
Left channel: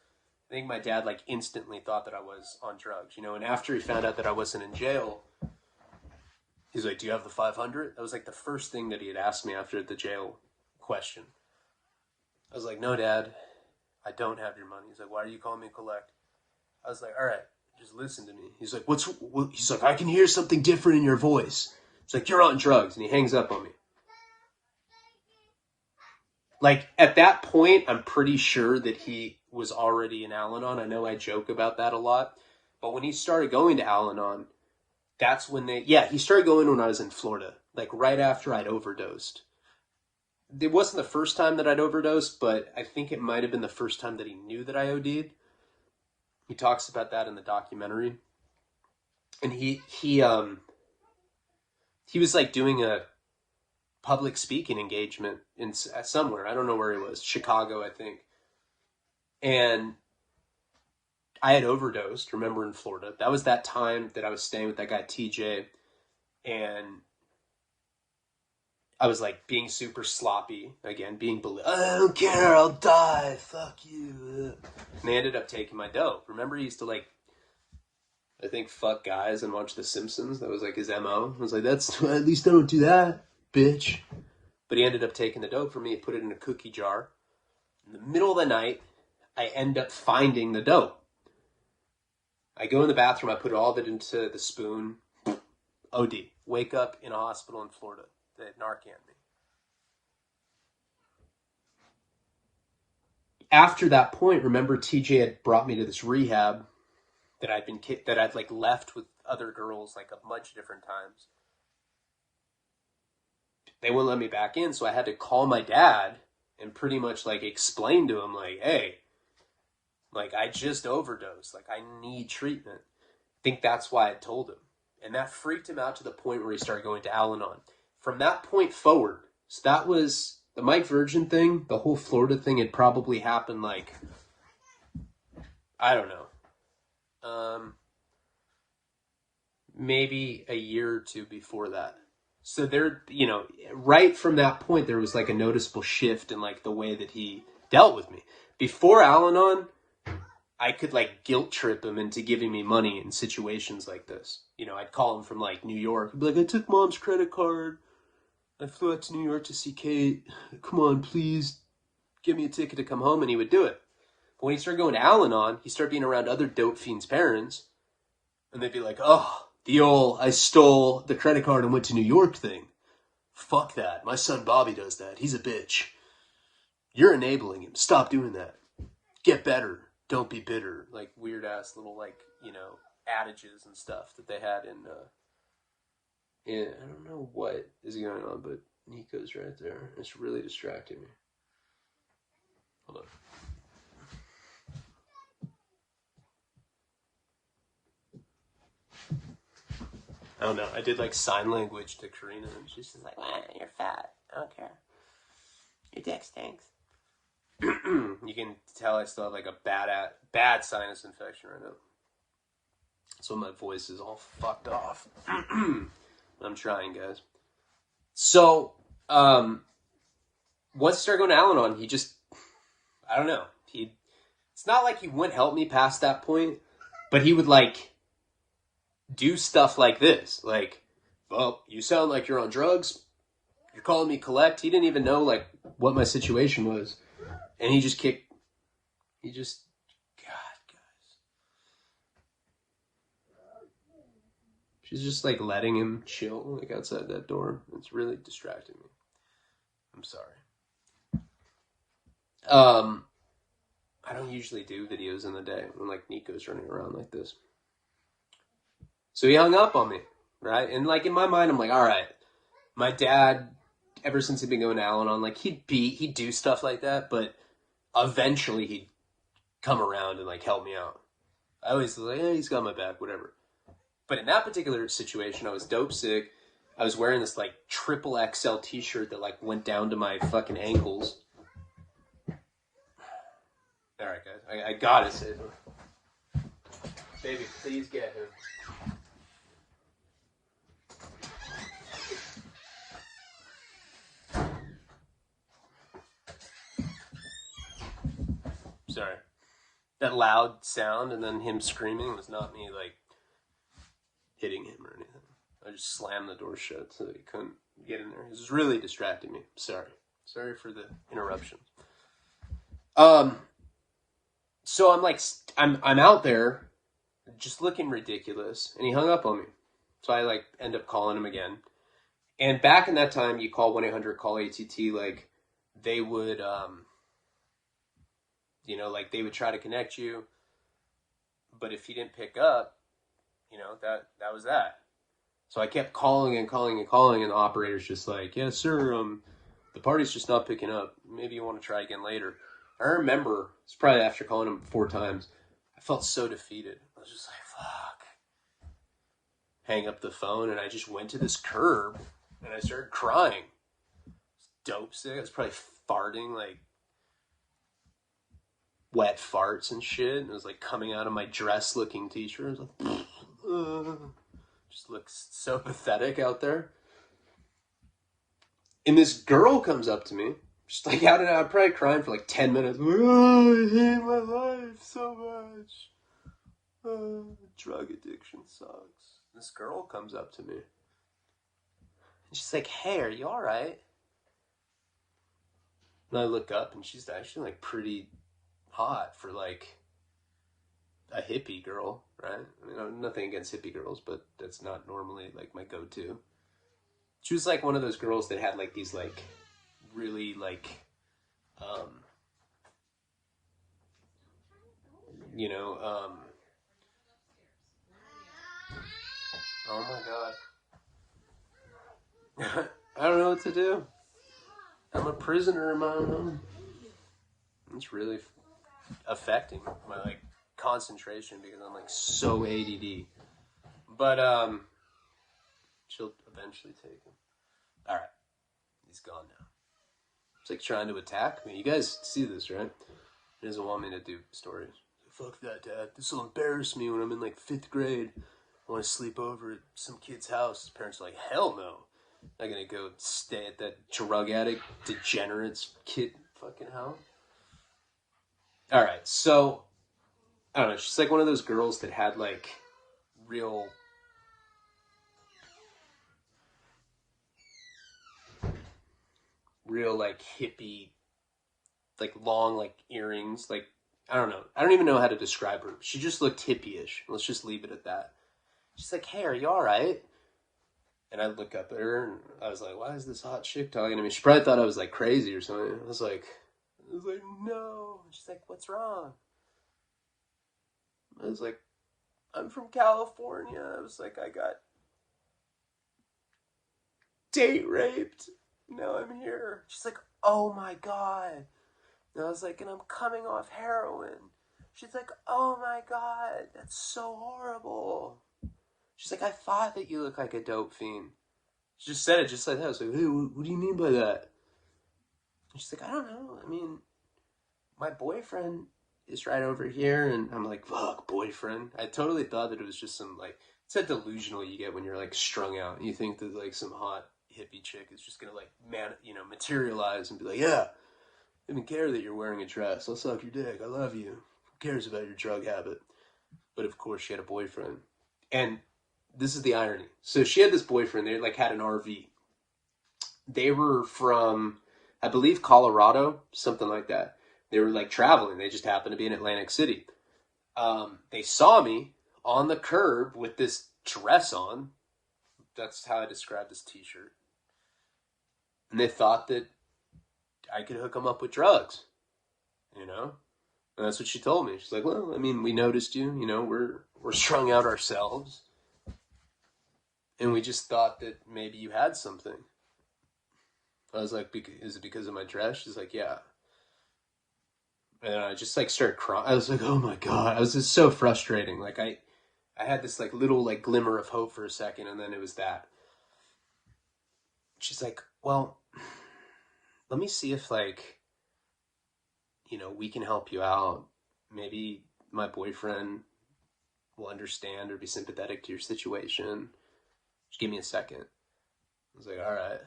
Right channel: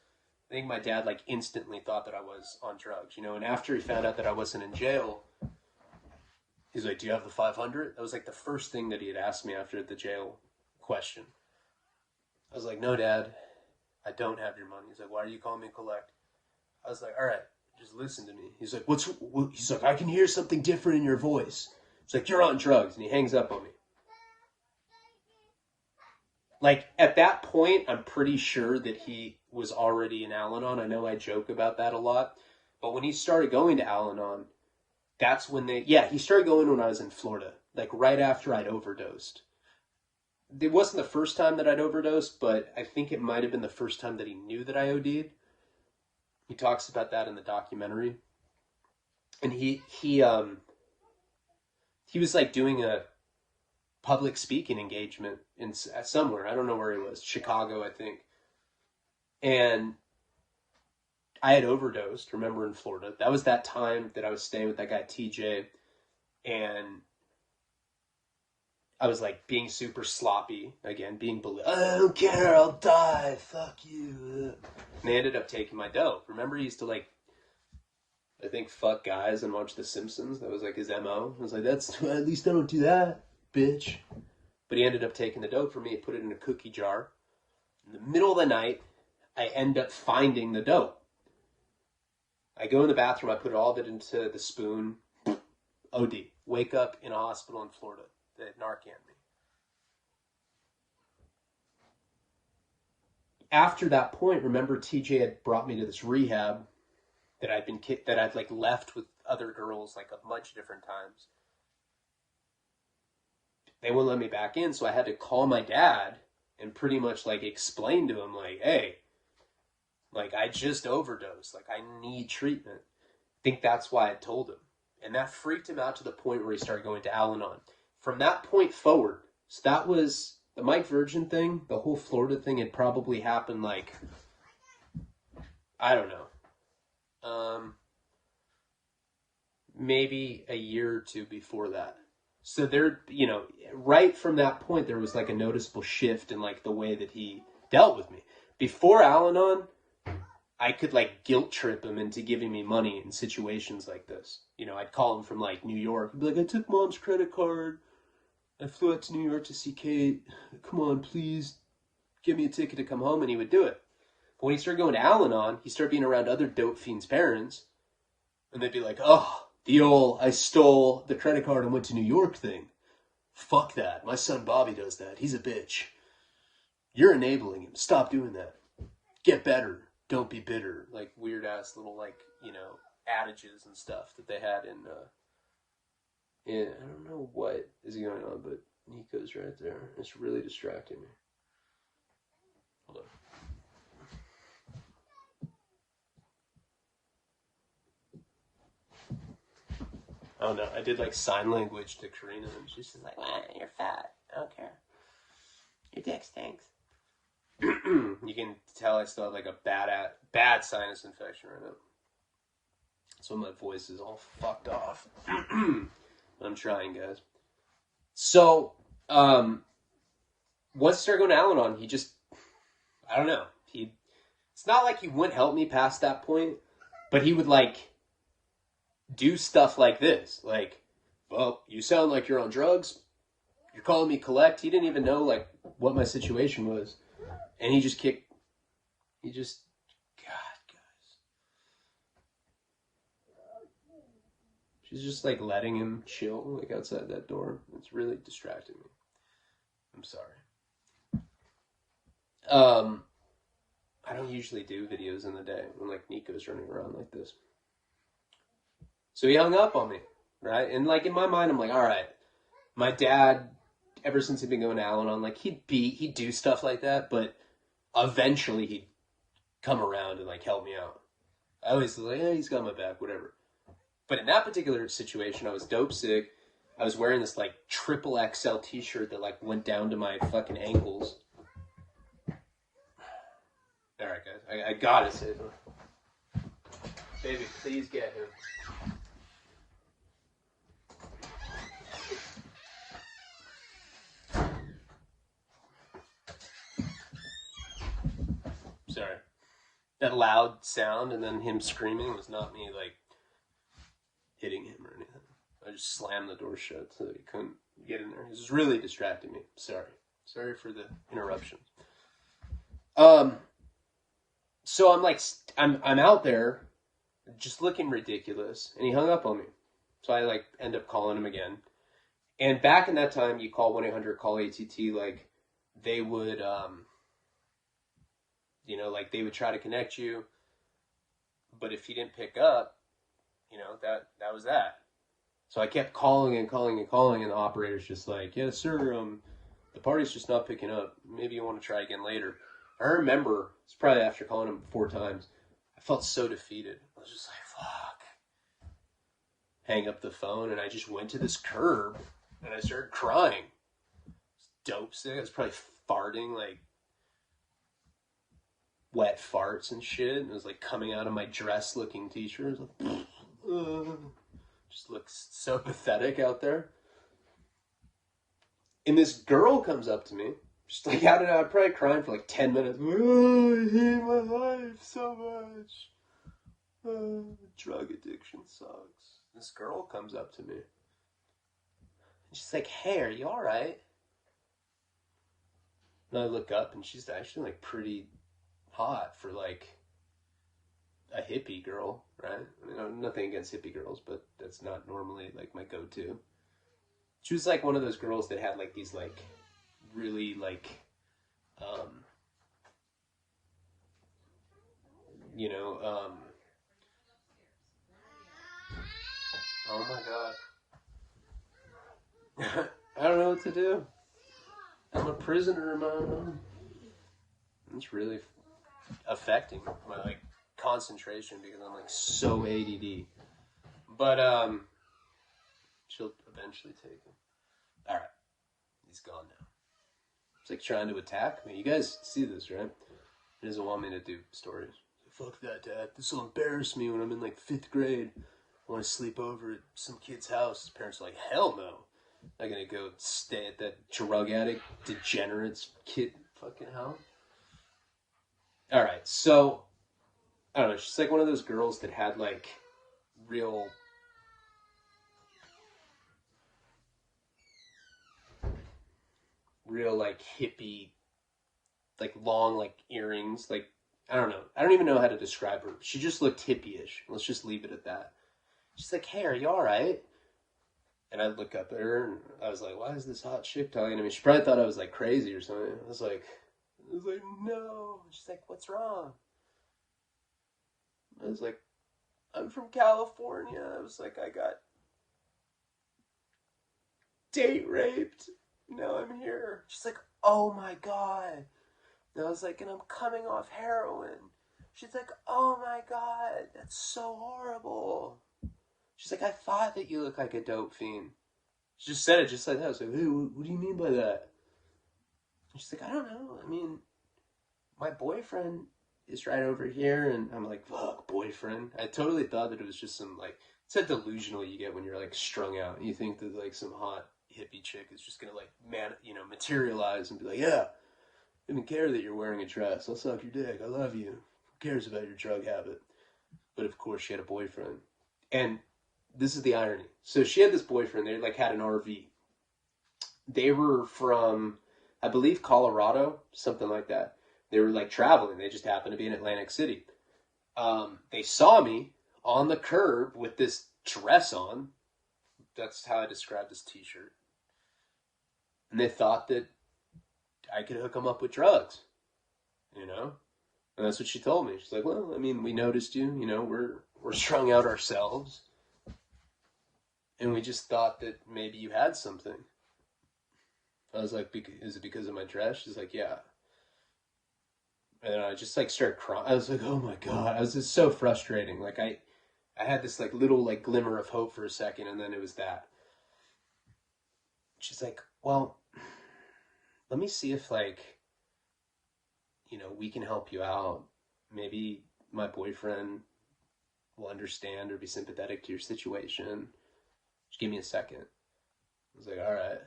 I think my dad like instantly thought that I was on drugs, and after he found out that I wasn't in jail, he's like, "Do you have the 500?" That was like the first thing that he had asked me after the jail question. I was like, "No, Dad, I don't have your money." He's like, "Why are you calling me collect?" I was like, "All right, just listen to me." He's like, he's like, "I can hear something different in your voice." He's like, "You're on drugs." And he hangs up on me. Like, at that point, I'm pretty sure that he was already in Al-Anon. I know I joke about that a lot. But when he started going to Al-Anon, that's when he started going when I was in Florida. Like, right after I'd overdosed. It wasn't the first time that I'd overdosed, but I think it might have been the first time that he knew that I OD'd. He talks about that in the documentary. And he was like doing a public speaking engagement in somewhere. I don't know where he was. Chicago, I think. And I had overdosed, remember, in Florida. That was that time that I was staying with that guy, TJ. And I was like being super sloppy again, I don't care, I'll die, fuck you. And they ended up taking my dope. Remember, he used to like, I think, fuck guys and watch The Simpsons. That was like his MO. I was like, at least I don't do that, bitch. But he ended up taking the dope from me and put it in a cookie jar. In the middle of the night, I end up finding the dope. I go in the bathroom, I put all of it into the spoon. OD. Wake up in a hospital in Florida. They Narcan me. After that point, remember, TJ had brought me to this rehab that I'd like left with other girls like a bunch of different times. They wouldn't let me back in, so I had to call my dad and pretty much like explain to him like, "Hey, like I just overdosed, like I need treatment." I think that's why I told him. And that freaked him out to the point where he started going to Al-Anon. From that point forward, so that was the Mike Virgin thing, the whole Florida thing had probably happened like, I don't know, maybe a year or two before that. So there, right from that point, there was like a noticeable shift in like the way that he dealt with me. Before Al-Anon, I could like guilt trip him into giving me money in situations like this. I'd call him from like New York. He'd be like, "I took Mom's credit card. I flew out to New York to see Kate. Come on, please give me a ticket to come home." And he would do it. But when he started going to Al-Anon, he started being around other dope fiends' parents. And they'd be like, "Oh, the old, I stole the credit card and went to New York thing. Fuck that. My son Bobby does that. He's a bitch. You're enabling him. Stop doing that. Get better." don't be bitter, like weird ass little like, you know, adages and stuff that they had in I don't know what is going on, but Nico's right there. It's really distracting me. Hold on. I don't know. I did like sign language to Karina, and she's just like, "You're fat. I don't care. Your dick stinks." You can tell I still have like a bad sinus infection right now, so my voice is all fucked off. I'm trying, guys. So, once I started going to Al-Anon, he just, I don't know. It's not like he wouldn't help me past that point, but he would like do stuff like this. Like, well, you sound like you're on drugs. You're calling me collect. He didn't even know like what my situation was. And God, guys. She's just like letting him chill like outside that door. It's really distracting me. I'm sorry. I don't usually do videos in the day when like Nico's running around like this. So he hung up on me, right? And like in my mind, I'm like, all right, my dad, ever since he'd been going to Al-Anon, like he'd do stuff like that, but eventually he'd come around and like help me out. I always was like, hey, he's got my back, whatever. But in that particular situation, I was dope sick. I was wearing this like triple XL t-shirt that like went down to my fucking ankles. All right, guys, I gotta save him. Baby, please get him. Sorry. That loud sound and then him screaming was not me like hitting him or anything. I just slammed the door shut so that he couldn't get in there. It was really distracting me. Sorry for the interruption. So I'm like, I'm out there just looking ridiculous, and he hung up on me. So I like end up calling him again. And back in that time, you call 1-800-CALL-ATT, like they would, you know, like they would try to connect you, but if he didn't pick up, you know, that was that. So I kept calling and the operator's just like, yeah, sir, the party's just not picking up. Maybe you want to try again later. I remember, it's probably after calling him 4 times, I felt so defeated. I was just like, fuck. Hang up the phone, and I just went to this curb, and I started crying. Dope sick. I was probably farting, like, wet farts and shit, and it was, like, coming out of my dress-looking t-shirt. Like, just looks so pathetic out there. And this girl comes up to me, just like out and out, probably crying for like 10 minutes. Like, oh, I hate my life so much. Oh, drug addiction sucks. This girl comes up to me. And she's like, hey, are you alright? And I look up and she's actually like pretty hot for like a hippie girl, right? I mean, nothing against hippie girls, but that's not normally like my go-to. She was like one of those girls that had like these like really like, you know, oh my God. I don't know what to do. I'm a prisoner in my own home. It's really affecting my like concentration because I'm like so ADD. But she'll eventually take him. All right, he's gone now. It's like trying to attack me. You guys see this, right? He doesn't want me to do stories. Fuck that, Dad. This will embarrass me when I'm in like 5th grade. I want to sleep over at some kid's house. His parents are like, hell no. I'm not gonna go stay at that drug addict, degenerate's kid fucking house. Alright, so, I don't know, she's like one of those girls that had like real like hippie, like long like earrings, like, I don't know. I don't even know how to describe her. She just looked hippie-ish. Let's just leave it at that. She's like, hey, are you alright? And I look up at her, and I was like, why is this hot chick talking to me? She probably thought I was, like, crazy or something. I was like, no. She's like, what's wrong? I was like, I'm from California. I was like, I got date raped. Now I'm here. She's like, oh my God. And I was like, and I'm coming off heroin. She's like, oh my God, that's so horrible. She's like, I thought that you look like a dope fiend. She just said it just like that. I was like, hey, what do you mean by that? And she's like, I don't know. I mean, my boyfriend is right over here. And I'm like, fuck, boyfriend. I totally thought that it was just some, like, it's that delusional you get when you're, like, strung out. You think that, like, some hot hippie chick is just gonna, like, materialize and be like, yeah, I don't even care that you're wearing a dress. I'll suck your dick. I love you. Who cares about your drug habit? But, of course, she had a boyfriend. And this is the irony. So she had this boyfriend. They, like, had an RV. They were from, I believe, Colorado, something like that. They were, like, traveling. They just happened to be in Atlantic City. They saw me on the curb with this dress on. That's how I describe this t-shirt. And they thought that I could hook them up with drugs, you know? And that's what she told me. She's like, well, I mean, we noticed you, you know, we're strung out ourselves. And we just thought that maybe you had something. I was like, is it because of my dress? She's like, yeah. And I just like started crying. I was like, oh my God. I was just so frustrating. Like I had this like little like glimmer of hope for a second, and then it was that. She's like, well, let me see if like, you know, we can help you out. Maybe my boyfriend will understand or be sympathetic to your situation. Just give me a second. I was like, all right.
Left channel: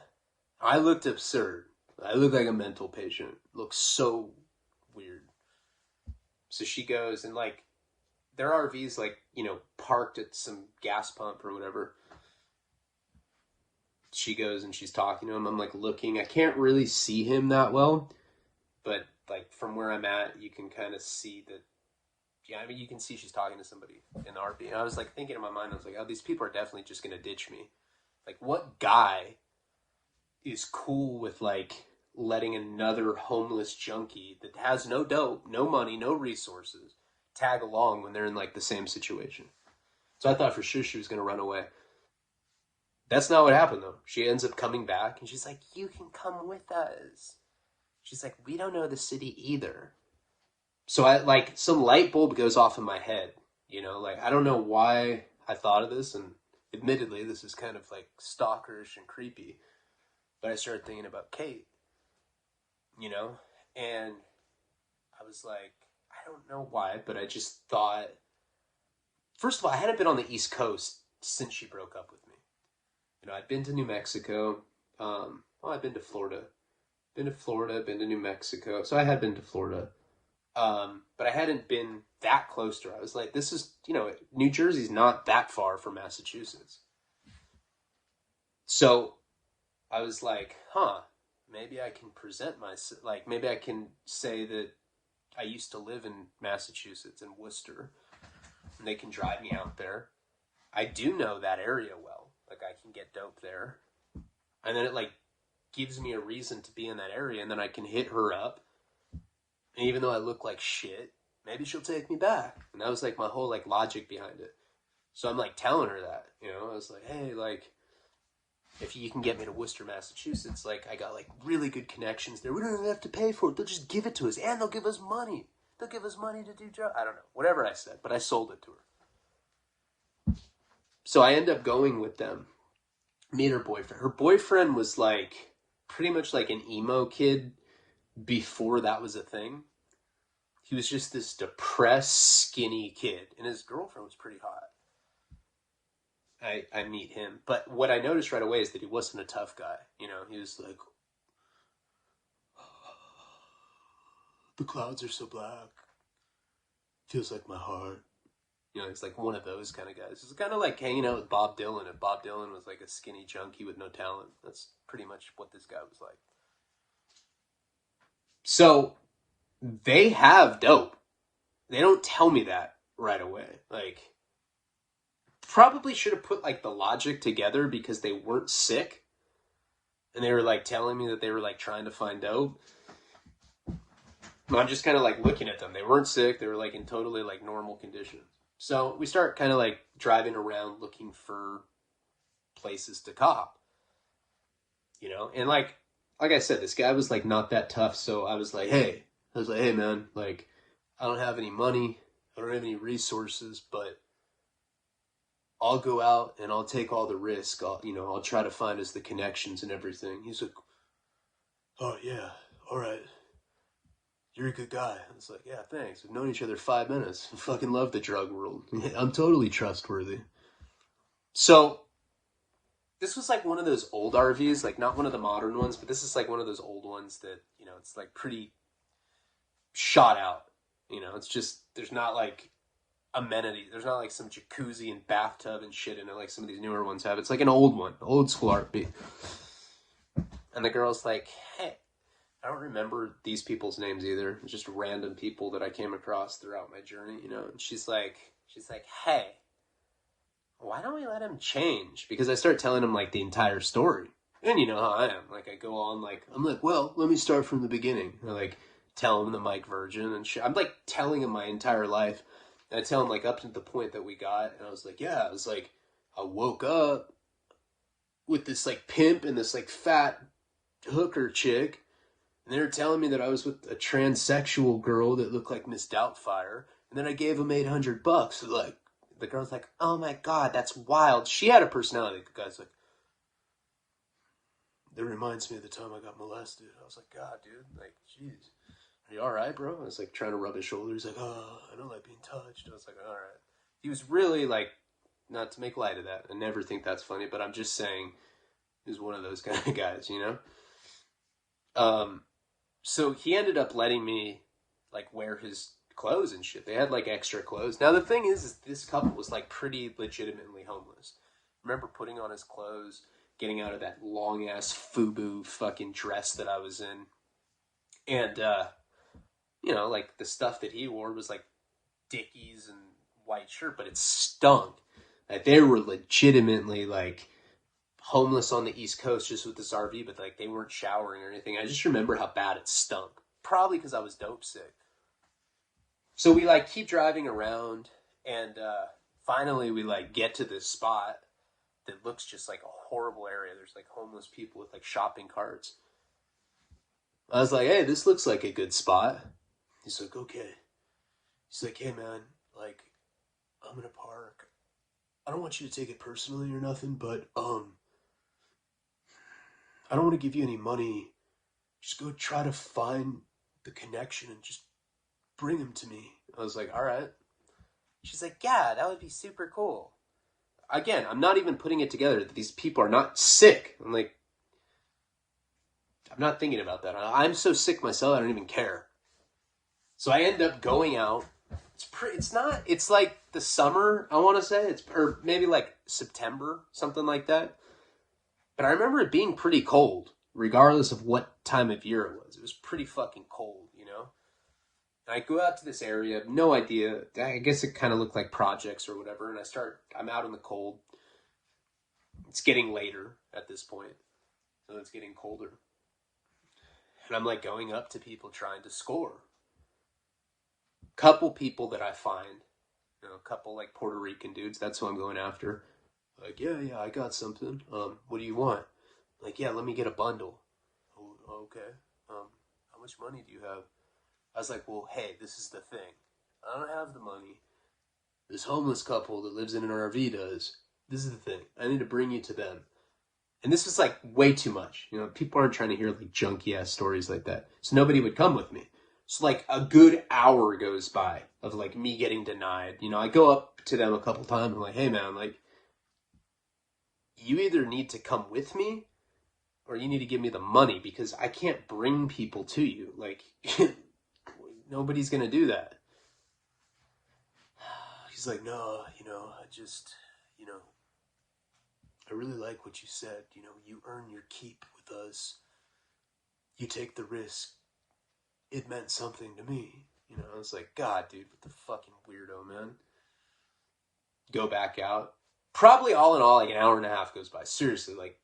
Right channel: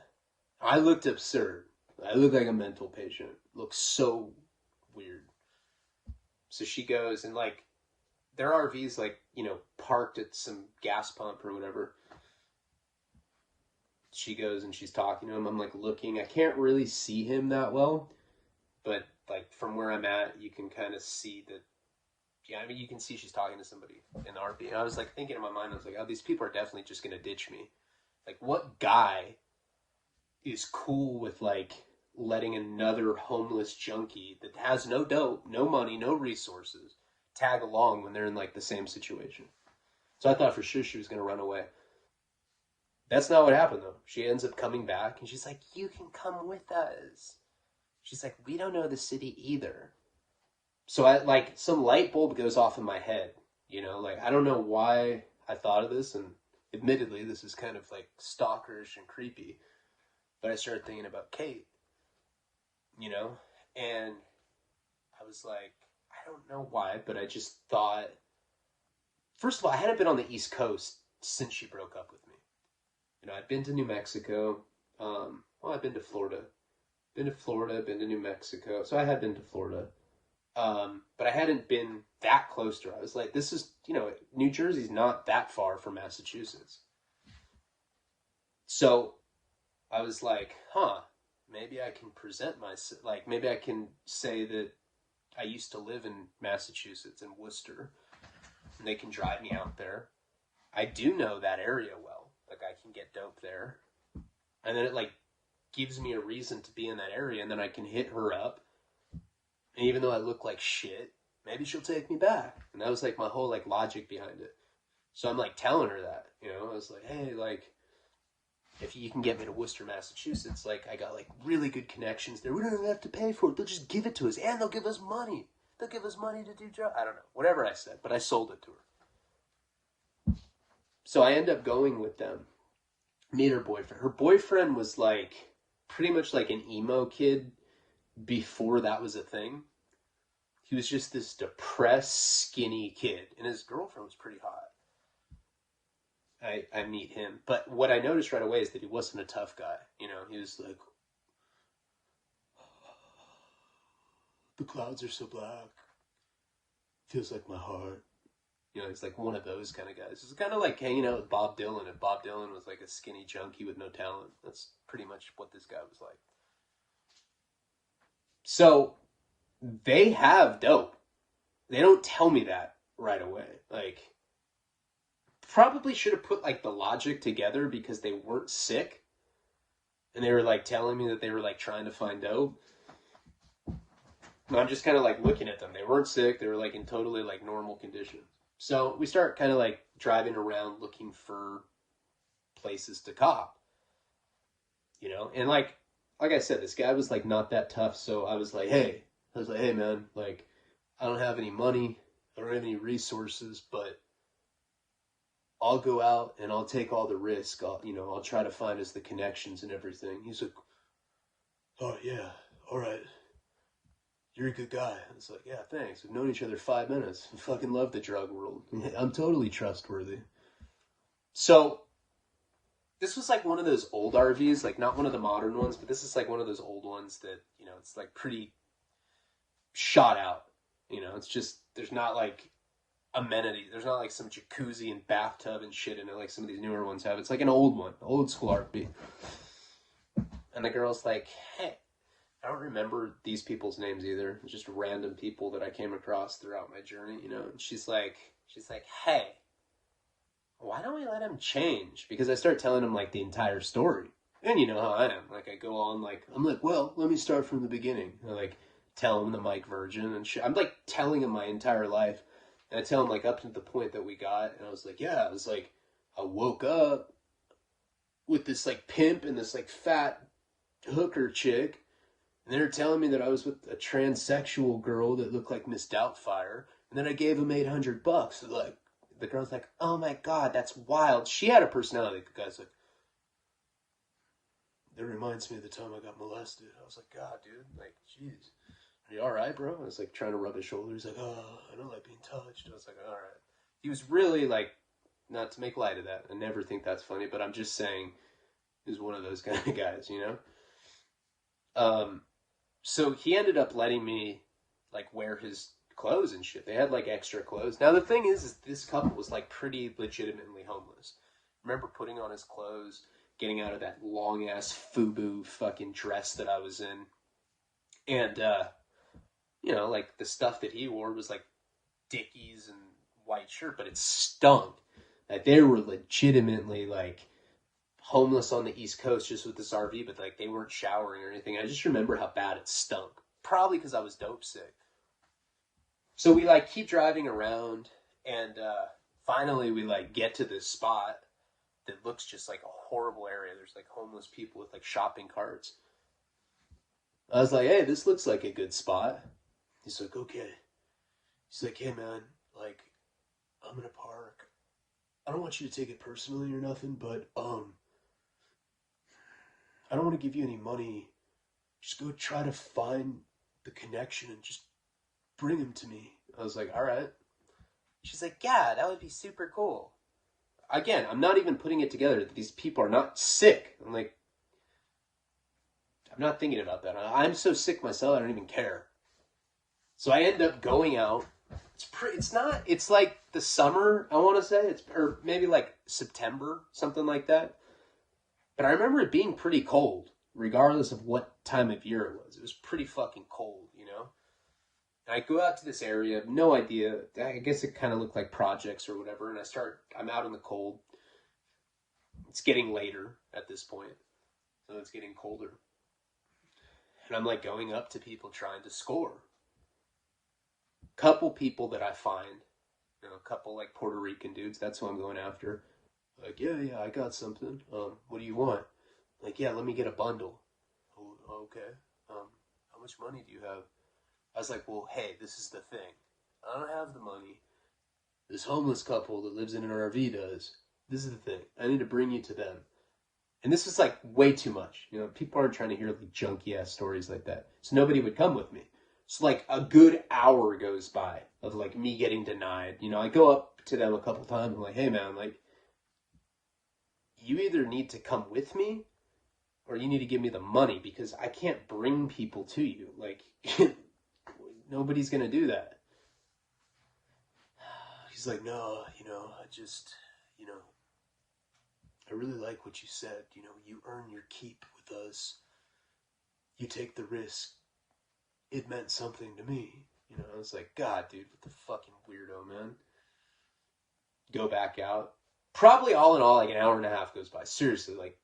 I looked absurd. I looked like a mental patient. Looked so weird. So she goes and like, their RV's like, you know, parked at some gas pump or whatever. She goes and she's talking to him. I'm like looking. I can't really see him that well, but like from where I'm at, you can kind of see that. Yeah, I mean, you can see she's talking to somebody in the RV. I was like thinking in my mind, I was like, oh, these people are definitely just gonna ditch me. Like, what guy is cool with like letting another homeless junkie that has no dope, no money, no resources tag along when they're in like the same situation? So I thought for sure she was gonna run away. That's not what happened though. She ends up coming back and she's like, you can come with us. She's like, we don't know the city either. So I like some light bulb goes off in my head, you know, like I don't know why I thought of this, and admittedly this is kind of like stalkerish and creepy, but I started thinking about Kate, you know, and I was like, I don't know why, but I just thought, first of all, I hadn't been on the East Coast since she broke up with me. You know, I'd been to New Mexico. I'd been to Florida. Been to New Mexico. So I had been to Florida. But I hadn't been that close to her. I was like, this is, you know, New Jersey's not that far from Massachusetts. So I was like, maybe I can present myself, like, maybe I can say that I used to live in Massachusetts, in Worcester, and they can drive me out there. I do know that area well. Like, I can get dope there. And then it, like, gives me a reason to be in that area, and then I can hit her up. And even though I look like shit, maybe she'll take me back. And that was, like, my whole, like, logic behind it. So I'm, like, telling her that, you know? I was like, hey, like, if you can get me to Worcester, Massachusetts, like, I got, like, really good connections there. We don't even have to pay for it. They'll just give it to us, and they'll give us money. They'll give us money to do jobs. I don't know. Whatever I said, but I sold it to her. So I end up going with them, meet her boyfriend. Her boyfriend was like pretty much like an emo kid before that was a thing. He was just this depressed, skinny kid, and his girlfriend was pretty hot. I meet him, but what I noticed right away is that he wasn't a tough guy. You know, he was like, the clouds are so black, feels like my heart. You know, it's like one of those kind of guys. It's kind of like hanging out with Bob Dylan, if Bob Dylan was like a skinny junkie with no talent. That's pretty much what this guy was like. So, they have dope. They don't tell me that right away. Like, probably should have put like the logic together because they weren't sick. And they were like telling me that they were like trying to find dope. I'm just kind of like looking at them. They weren't sick. They were like in totally like normal condition. So we start kind of like driving around looking for places to cop, and like I said, this guy was like not that tough. So I was like, hey man, like I don't have any money, I don't have any resources, but I'll go out and I'll take all the risk. I'll try to find us the connections and everything. He's like, oh yeah, all right. You're a good guy. I was like, yeah, thanks. We've known each other 5 minutes. I fucking love the drug world. I'm totally trustworthy. So this was like one of those old RVs, like not one of the modern ones, but this is like one of those old ones that, it's like pretty shot out. It's just, there's not like amenities. There's not like some jacuzzi and bathtub and shit in it like some of these newer ones have. It's like an old one, old school RV. And the girl's like, hey, I don't remember these people's names either. It's just random people that I came across throughout my journey, and she's like, hey, why don't we let him change? Because I start telling him like the entire story. And you know how I am. Like I go on I'm like, well, let me start from the beginning. I like tell him that I'm like virgin and shit. I'm like telling him my entire life. And I tell him like up to the point that we got. And I was like, yeah, I woke up with this like pimp and this like fat hooker chick. And they were telling me that I was with a transsexual girl that looked like Miss Doubtfire. And then I gave him $800. So like, the girl's like, oh my God, that's wild. She had a personality. The guy's like, that reminds me of the time I got molested. I was like, God, dude, like, jeez. Are you all right, bro? I was like trying to rub his shoulder. He's like, oh, I don't like being touched. I was like, all right. He was really like, not to make light of that. I never think that's funny, but I'm just saying he was one of those kind of guys, So he ended up letting me like wear his clothes and shit. They had like extra clothes. Now the thing is this couple was like pretty legitimately homeless. I remember putting on his clothes, getting out of that long ass FUBU fucking dress that I was in. And like the stuff that he wore was like Dickies and white shirt, but it stunk. Like they were legitimately like homeless on the East Coast just with this RV, but like they weren't showering or anything. I just remember how bad it stunk. Probably because I was dope sick. So we like keep driving around and finally we like get to this spot that looks just like a horrible area. There's like homeless people with like shopping carts. I was like, hey, this looks like a good spot. He's like, okay. He's like, hey man, like I'm gonna park. I don't want you to take it personally or nothing, but I don't want to give you any money. Just go try to find the connection and just bring him to me. I was like, all right. She's like, yeah, that would be super cool. Again, I'm not even putting it together that these people are not sick. I'm like, I'm not thinking about that. I'm so sick myself, I don't even care. So I end up going out. It's like the summer, I want to say. Or maybe like September, something like that. But I remember it being pretty cold, regardless of what time of year it was. It was pretty fucking cold, And I go out to this area, no idea. I guess it kind of looked like projects or whatever. And I'm out in the cold. It's getting later at this point. So it's getting colder. And I'm like going up to people trying to score. Couple people that I find, a couple like Puerto Rican dudes. That's who I'm going after. Like, yeah, I got something. What do you want? Like, yeah, let me get a bundle. Oh, okay. How much money do you have? I was like, well, hey, this is the thing. I don't have the money. This homeless couple that lives in an RV does. This is the thing. I need to bring you to them. And this is like way too much. People aren't trying to hear like junky ass stories like that. So nobody would come with me. So like a good hour goes by of like me getting denied. I go up to them a couple times. I'm like, hey man, like, you either need to come with me or you need to give me the money because I can't bring people to you. Like, nobody's going to do that. He's like, no, I just, I really like what you said. You earn your keep with us. You take the risk. It meant something to me. I was like, God, dude, what the fucking weirdo, man. Go back out. Probably all in all, like an hour and a half goes by. Seriously, like,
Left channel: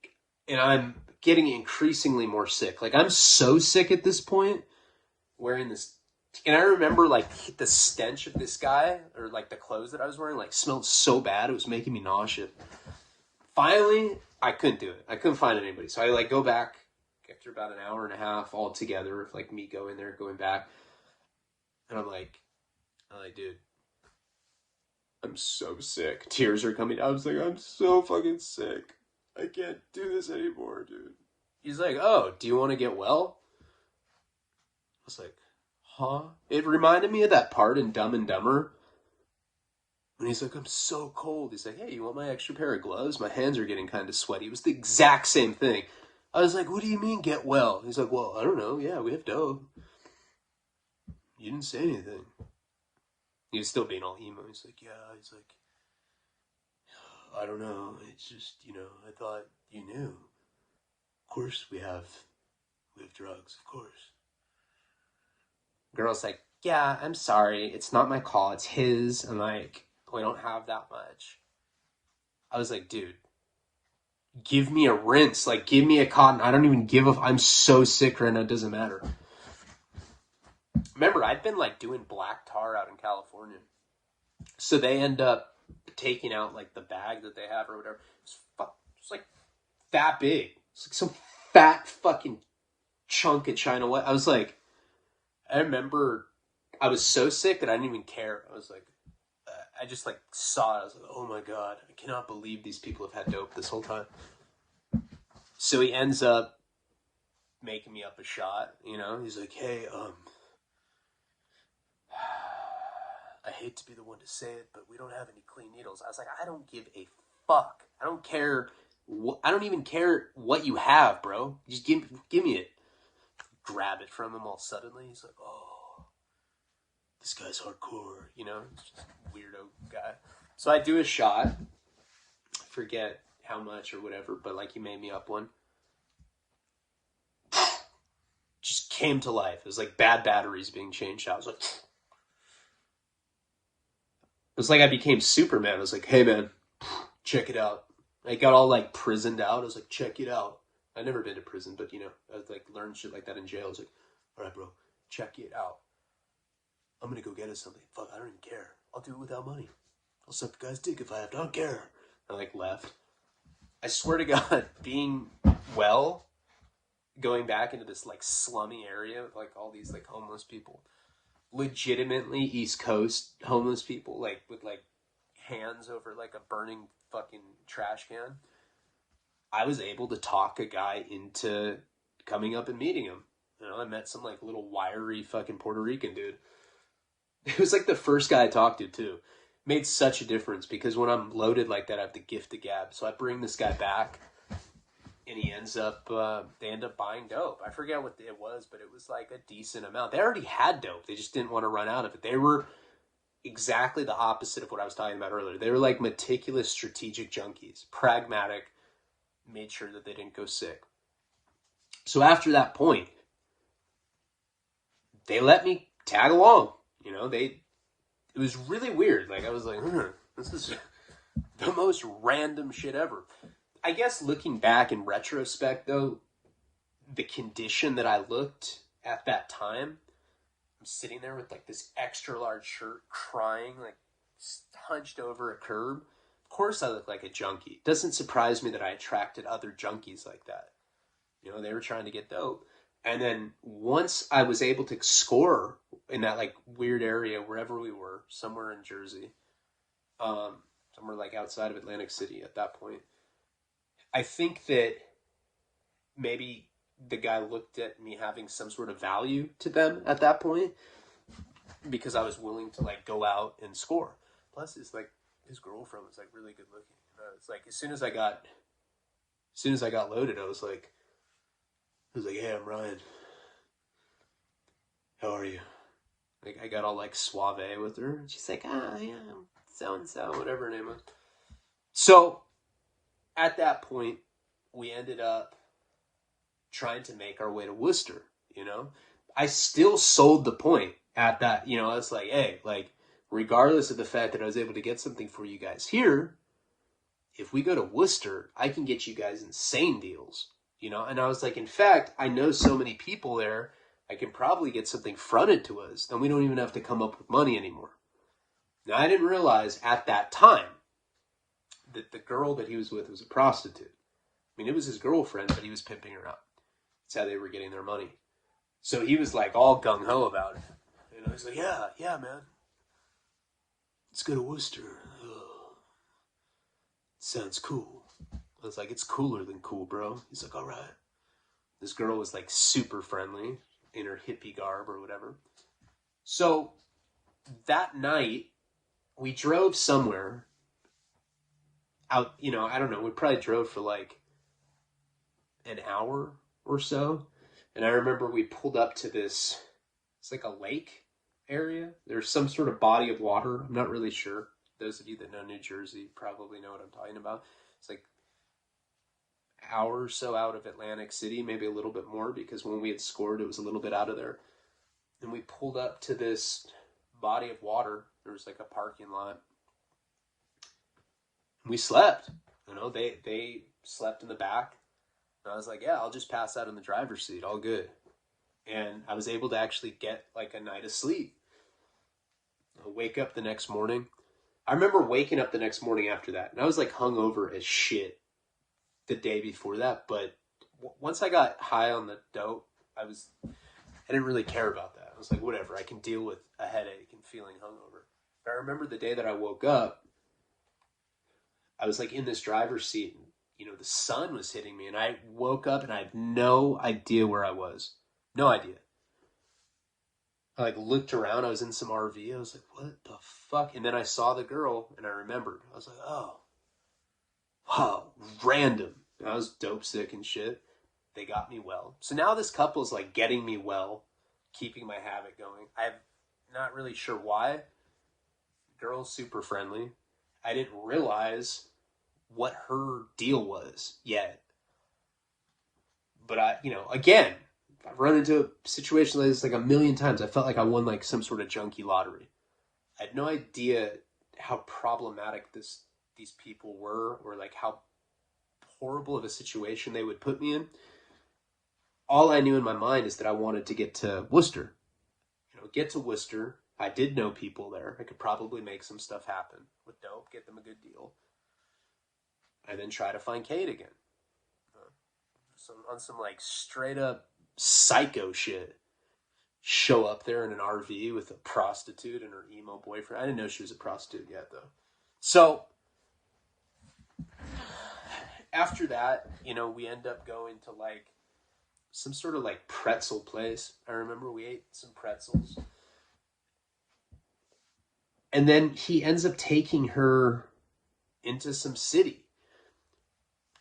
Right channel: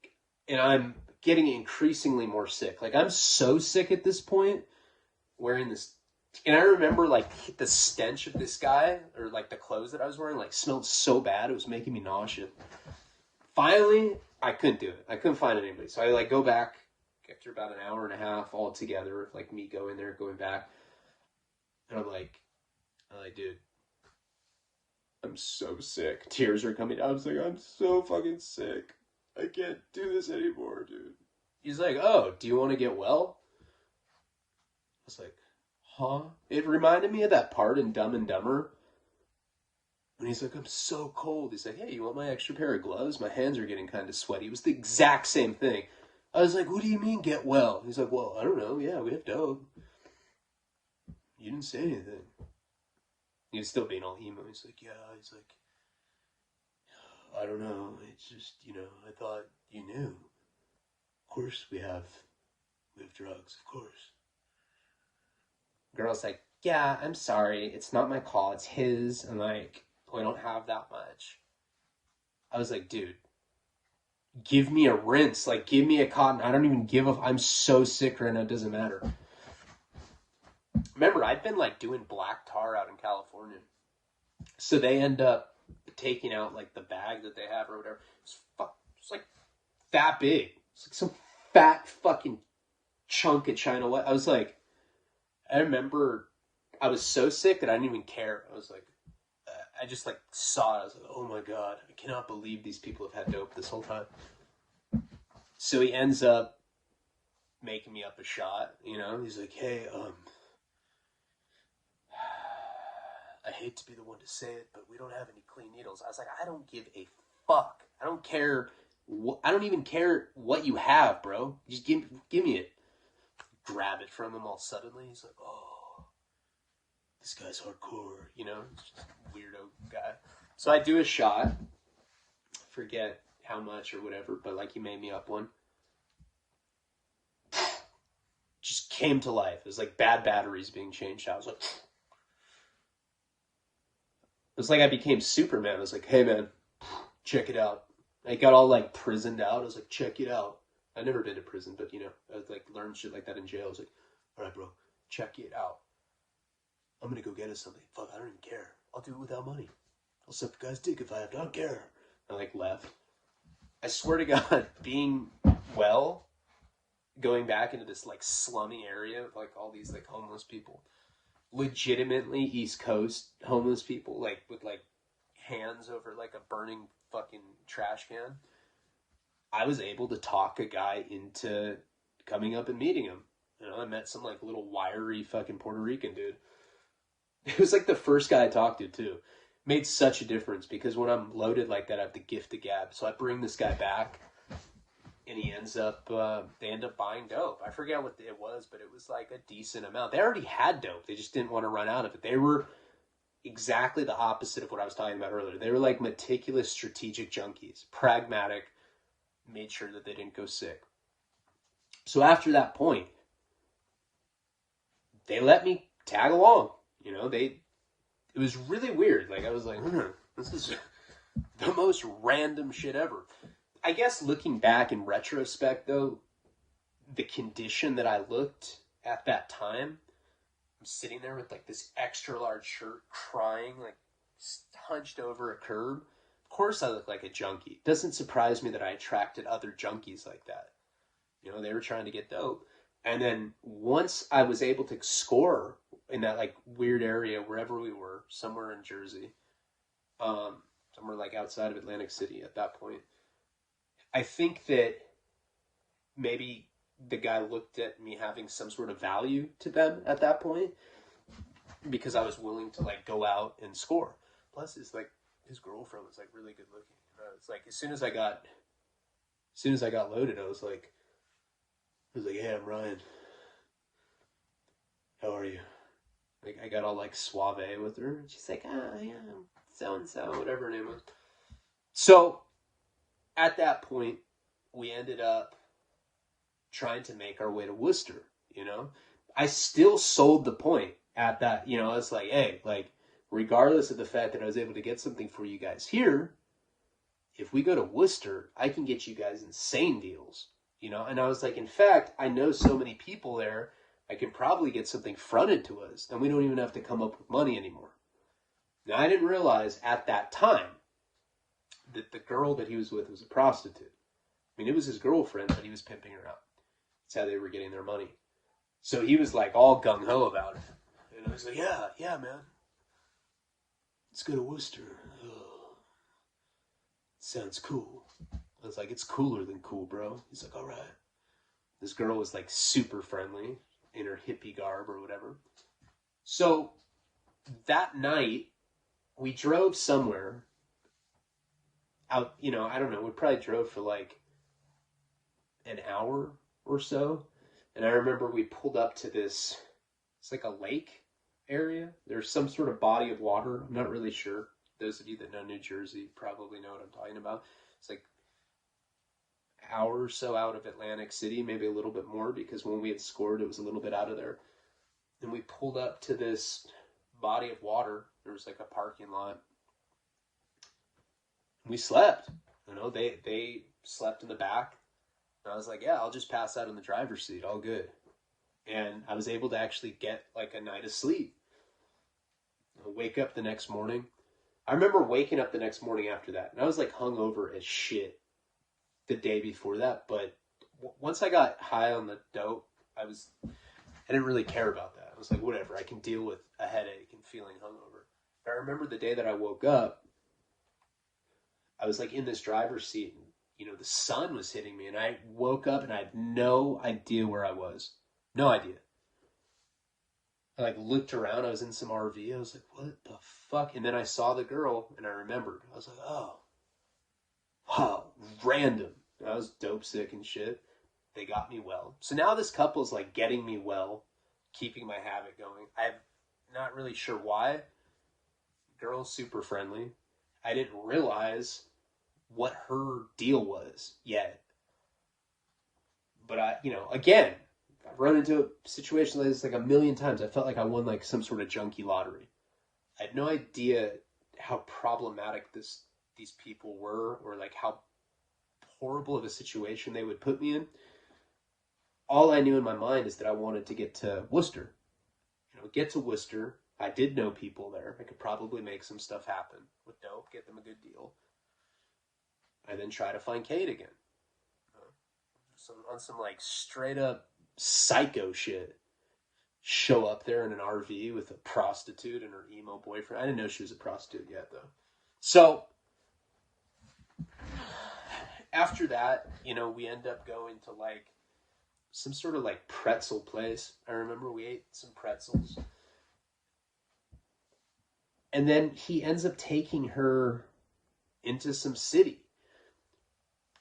and I'm getting increasingly more sick. Like, I'm so sick at this point, wearing this And I remember like the stench of this guy, or like the clothes that I was wearing, like smelled so bad. It was making me nauseous. Finally, I couldn't do it. I couldn't find anybody. So I like go back after about an hour and a half all together of like me going there, going back. And I'm like, dude, I'm so sick. Tears are coming out. I was like, I'm so fucking sick. I can't do this anymore, dude. He's like, oh, do you want to get well? I was like, huh? It reminded me of that part in Dumb and Dumber. And he's like, I'm so cold. He's like, hey, you want my extra pair of gloves? My hands are getting kind of sweaty. It was the exact same thing. I was like, what do you mean get well? He's like, well, I don't know. Yeah, we have dope. You didn't say anything. He was still being all emo. He's like, yeah. He's like, I don't know. It's just, I thought you knew. Of course we have drugs, of course. Girl's like, yeah, I'm sorry. It's not my call. It's his. I'm like, we don't have that much. I was like, dude, give me a rinse. Like, give me a cotton. I don't even give a... I'm so sick right now. It doesn't matter. Remember, I'd been like doing black tar out in California. So they end up taking out like the bag that they have or whatever. It's like that big. It's like some fat fucking chunk of China White. I was like, I remember I was so sick that I didn't even care. I was like, I just like saw it. I was like, oh my God, I cannot believe these people have had dope this whole time. So he ends up making me up a shot, He's like, hey, I hate to be the one to say it, but we don't have any clean needles. I was like, I don't give a fuck. I don't care. I don't even care what you have, bro. Just give me it. Grab it from him all suddenly. He's like, oh, this guy's hardcore, just weirdo guy. So I do a shot. I forget how much or whatever, but like he made me up one. Just came to life. It was like bad batteries being changed out. I was like, it was like I became Superman. I was like, hey man, check it out. I got all like prisoned out. I was like, check it out. I've never been to prison, but I was like learned shit like that in jail. I was like, all right, bro, check it out. I'm gonna go get us something. Fuck, I don't even care. I'll do it without money. I'll suck the guy's dick if I have to. I don't care. I like left. I swear to God, being well, going back into this like slummy area with like all these like homeless people, legitimately East Coast homeless people, like with like hands over like a burning fucking trash can. I was able to talk a guy into coming up and meeting him. I met some like little wiry fucking Puerto Rican dude. It was like the first guy I talked to too. Made such a difference because when I'm loaded like that, I have the gift of gab. So I bring this guy back and he ends up, they end up buying dope. I forget what it was, but it was like a decent amount. They already had dope. They just didn't want to run out of it. They were exactly the opposite of what I was talking about earlier. They were like meticulous, strategic junkies, pragmatic, made sure that they didn't go sick. So after that point, they let me tag along. It was really weird. Like I was like, this is the most random shit ever. I guess looking back in retrospect though, the condition that I looked at that time, I'm sitting there with like this extra large shirt, crying, like hunched over a curb. Of course I look like a junkie. Doesn't surprise me that I attracted other junkies like that. They were trying to get dope. And then once I was able to score in that like weird area, wherever we were, somewhere in Jersey, somewhere like outside of Atlantic City at that point, I think that maybe the guy looked at me having some sort of value to them at that point because I was willing to like go out and score. Plus, it's like his girlfriend was like really good looking. It's like as soon as I got loaded, I was like, hey, I'm Ryan. How are you? Like I got all like suave with her. And she's like, yeah, I'm so-and-so, whatever her name was. So at that point, we ended up trying to make our way to Worcester, I still sold the point at that, I was like, hey, like, regardless of the fact that I was able to get something for you guys here, if we go to Worcester, I can get you guys insane deals, And I was like, in fact, I know so many people there I can probably get something fronted to us, and we don't even have to come up with money anymore. Now, I didn't realize at that time that the girl that he was with was a prostitute. I mean, it was his girlfriend, but he was pimping her out. That's how they were getting their money. So he was like all gung-ho about it. And I was like, yeah, man. Let's go to Worcester. Oh, sounds cool. I was like, it's cooler than cool, bro. He's like, all right. This girl was like super friendly in her hippie garb or whatever. So that night, we drove somewhere out, I don't know, we probably drove for like an hour or so. And I remember we pulled up to this, it's like a lake area. There's some sort of body of water. I'm not really sure. Those of you that know New Jersey probably know what I'm talking about. It's like an hour or so out of Atlantic City, maybe a little bit more, because when we had scored, it was a little bit out of there. And we pulled up to this body of water. There was like a parking lot. We slept. They slept in the back. And I was like, yeah, I'll just pass out in the driver's seat. All good. And I was able to actually get like a night of sleep. I'll wake up the next morning. I remember waking up the next morning after that. And I was like hungover as shit the day before that. But once I got high on the dope, I didn't really care about that. I was like, whatever, I can deal with a headache and feeling hungover. But I remember the day that I woke up, I was like in this driver's seat and, the sun was hitting me, and I woke up and I had no idea where I was. No idea. I like looked around. I was in some RV. I was like, what the fuck? And then I saw the girl and I remembered. I was like, oh, wow, random. I was dope sick and shit. They got me well. So now this couple's like getting me well, keeping my habit going. I'm not really sure why. Girl's super friendly. I didn't realize what her deal was yet. But again, I've run into a situation like this like a million times. I felt like I won like some sort of junkie lottery. I had no idea how problematic these people were, or like how horrible of a situation they would put me in. All I knew in my mind is that I wanted to get to Worcester. Get to Worcester. I did know people there. I could probably make some stuff happen with dope, get them a good deal. And then try to find Kate again. On some like straight up psycho shit. Show up there in an RV with a prostitute and her emo boyfriend. I didn't know she was a prostitute yet, though. So after that, we end up going to like some sort of like pretzel place. I remember we ate some pretzels. And then he ends up taking her into some city.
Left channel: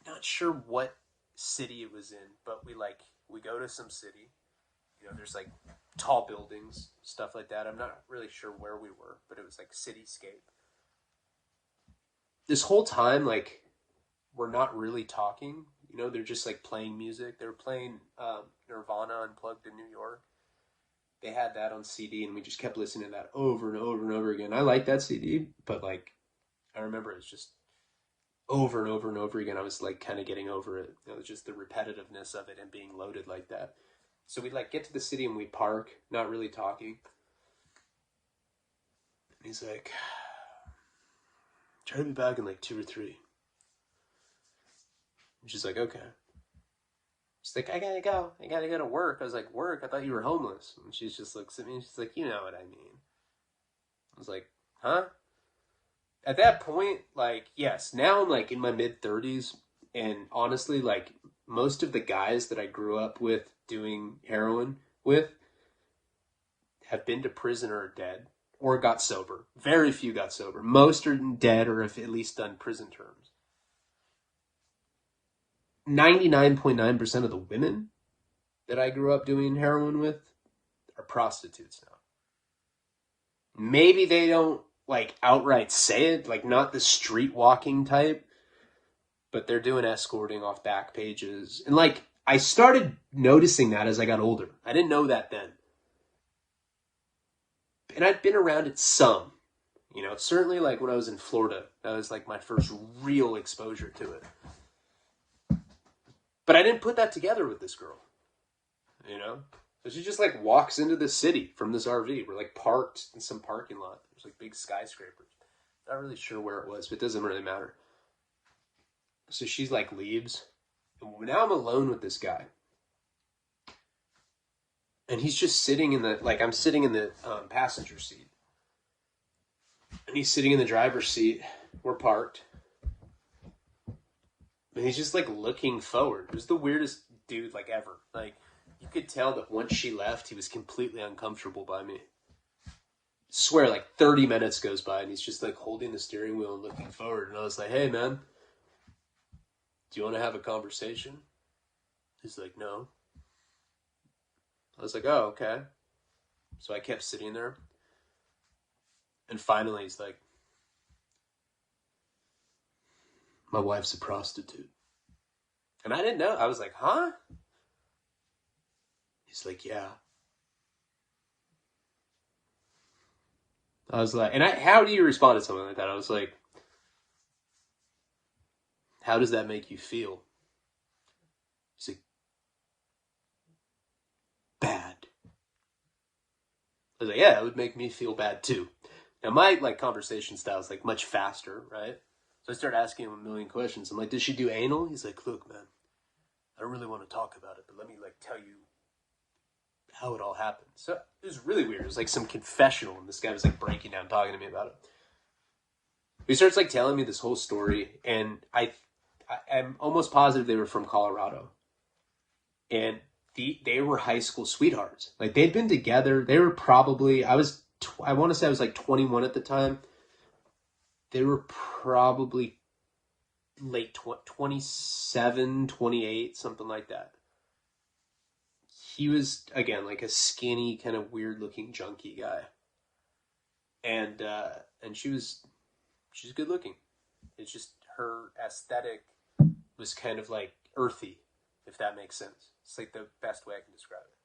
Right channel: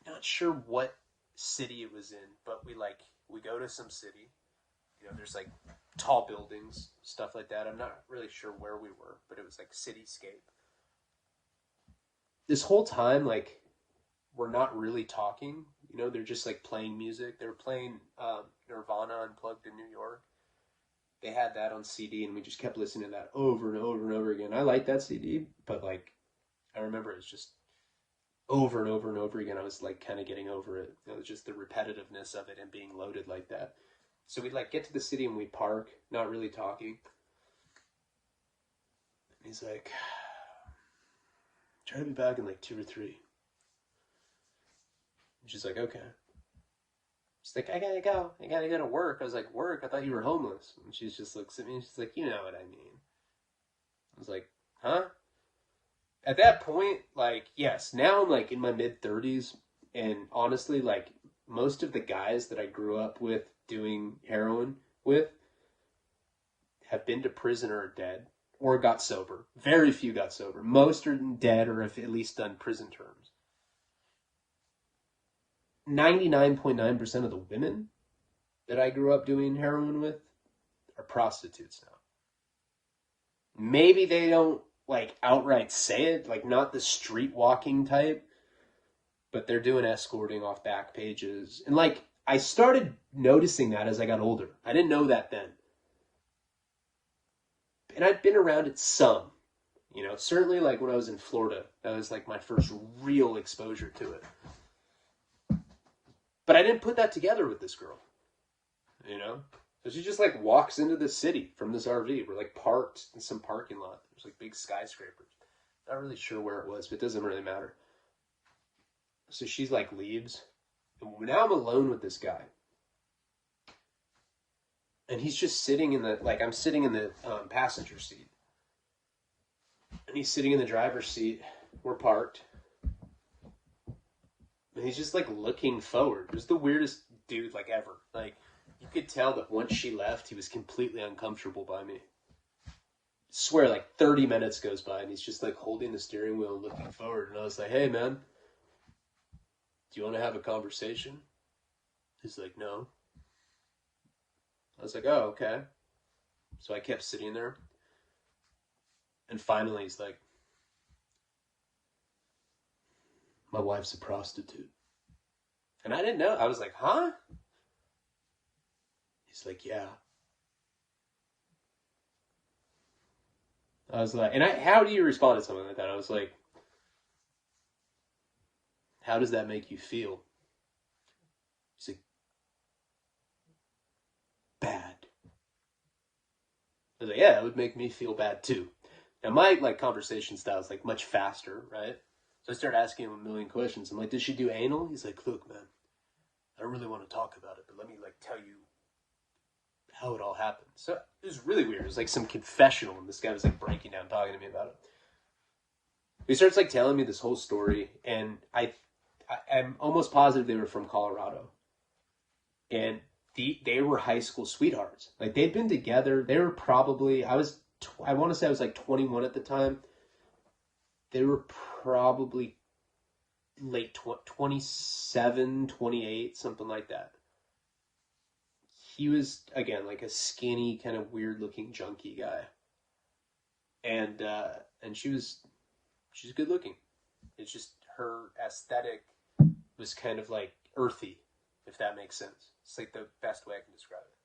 Not sure what city it was in, but we go to some city. There's like tall buildings, stuff like that. I'm not really sure where we were, but it was like cityscape. This whole time, like, we're not really talking. They're just like playing music. They were playing Nirvana Unplugged in New York. They had that on CD, and we just kept listening to that over and over and over again. I like that CD, but like, I remember it's just over and over and over again. I was like kind of getting over it. It was just the repetitiveness of it and being loaded like that. So we like get to the city and we park, not really talking. And he's like, try to be back in like 2 or 3. And she's like, okay. She's like, I gotta go to work. I was like, work? I thought you were homeless. And she just looks at me and she's like, you know what I mean. I was like, huh? At that point, like, yes, now I'm like in my mid-30s, and honestly, like, most of the guys that I grew up with doing heroin with have been to prison or are dead or got sober. Very few got sober. Most are dead or have at least done prison terms. 99.9% of the women that I grew up doing heroin with are prostitutes now. Maybe they don't like outright say it, like not the street walking type, but they're doing escorting off back pages. And like, I started noticing that as I got older. I didn't know that then. And I'd been around it some, certainly like when I was in Florida, that was like my first real exposure to it. But I didn't put that together with this girl, So she just like walks into the city from this RV. We're like parked in some parking lot. There's like big skyscrapers. Not really sure where it was, but it doesn't really matter. So she's like leaves. And now I'm alone with this guy. And he's just sitting in the, like I'm sitting in the passenger seat. And he's sitting in the driver's seat. We're parked. And he's just like looking forward. It was the weirdest dude like ever. Like you could tell that once she left, he was completely uncomfortable by me. I swear like 30 minutes goes by and he's just like holding the steering wheel and looking forward. And I was like, hey man, do you want to have a conversation? He's like, no. I was like, oh, okay. So I kept sitting there. And finally he's like, my wife's a prostitute. And I didn't know. I was like, huh? He's like, yeah. I was like, and how do you respond to something like that? I was like, how does that make you feel? He's like, bad. I was like, yeah, it would make me feel bad too. Now my like conversation style is like much faster, right? So I started asking him a million questions. I'm like, did she do anal? He's like, look, man, I don't really want to talk about it, but let me like tell you how it all happened. So it was really weird. It was like some confessional, and this guy was like breaking down, talking to me about it. He starts like telling me this whole story, and I'm almost positive they were from Colorado, and they were high school sweethearts. Like they'd been together. They were probably I want to say I was like 21 at the time. They were probably late 27, 28, something like that. He was, again, like a skinny, kind of weird-looking junkie guy. And she's good looking. It's just her aesthetic was kind of like earthy, if that makes sense. It's like the best way I can describe it.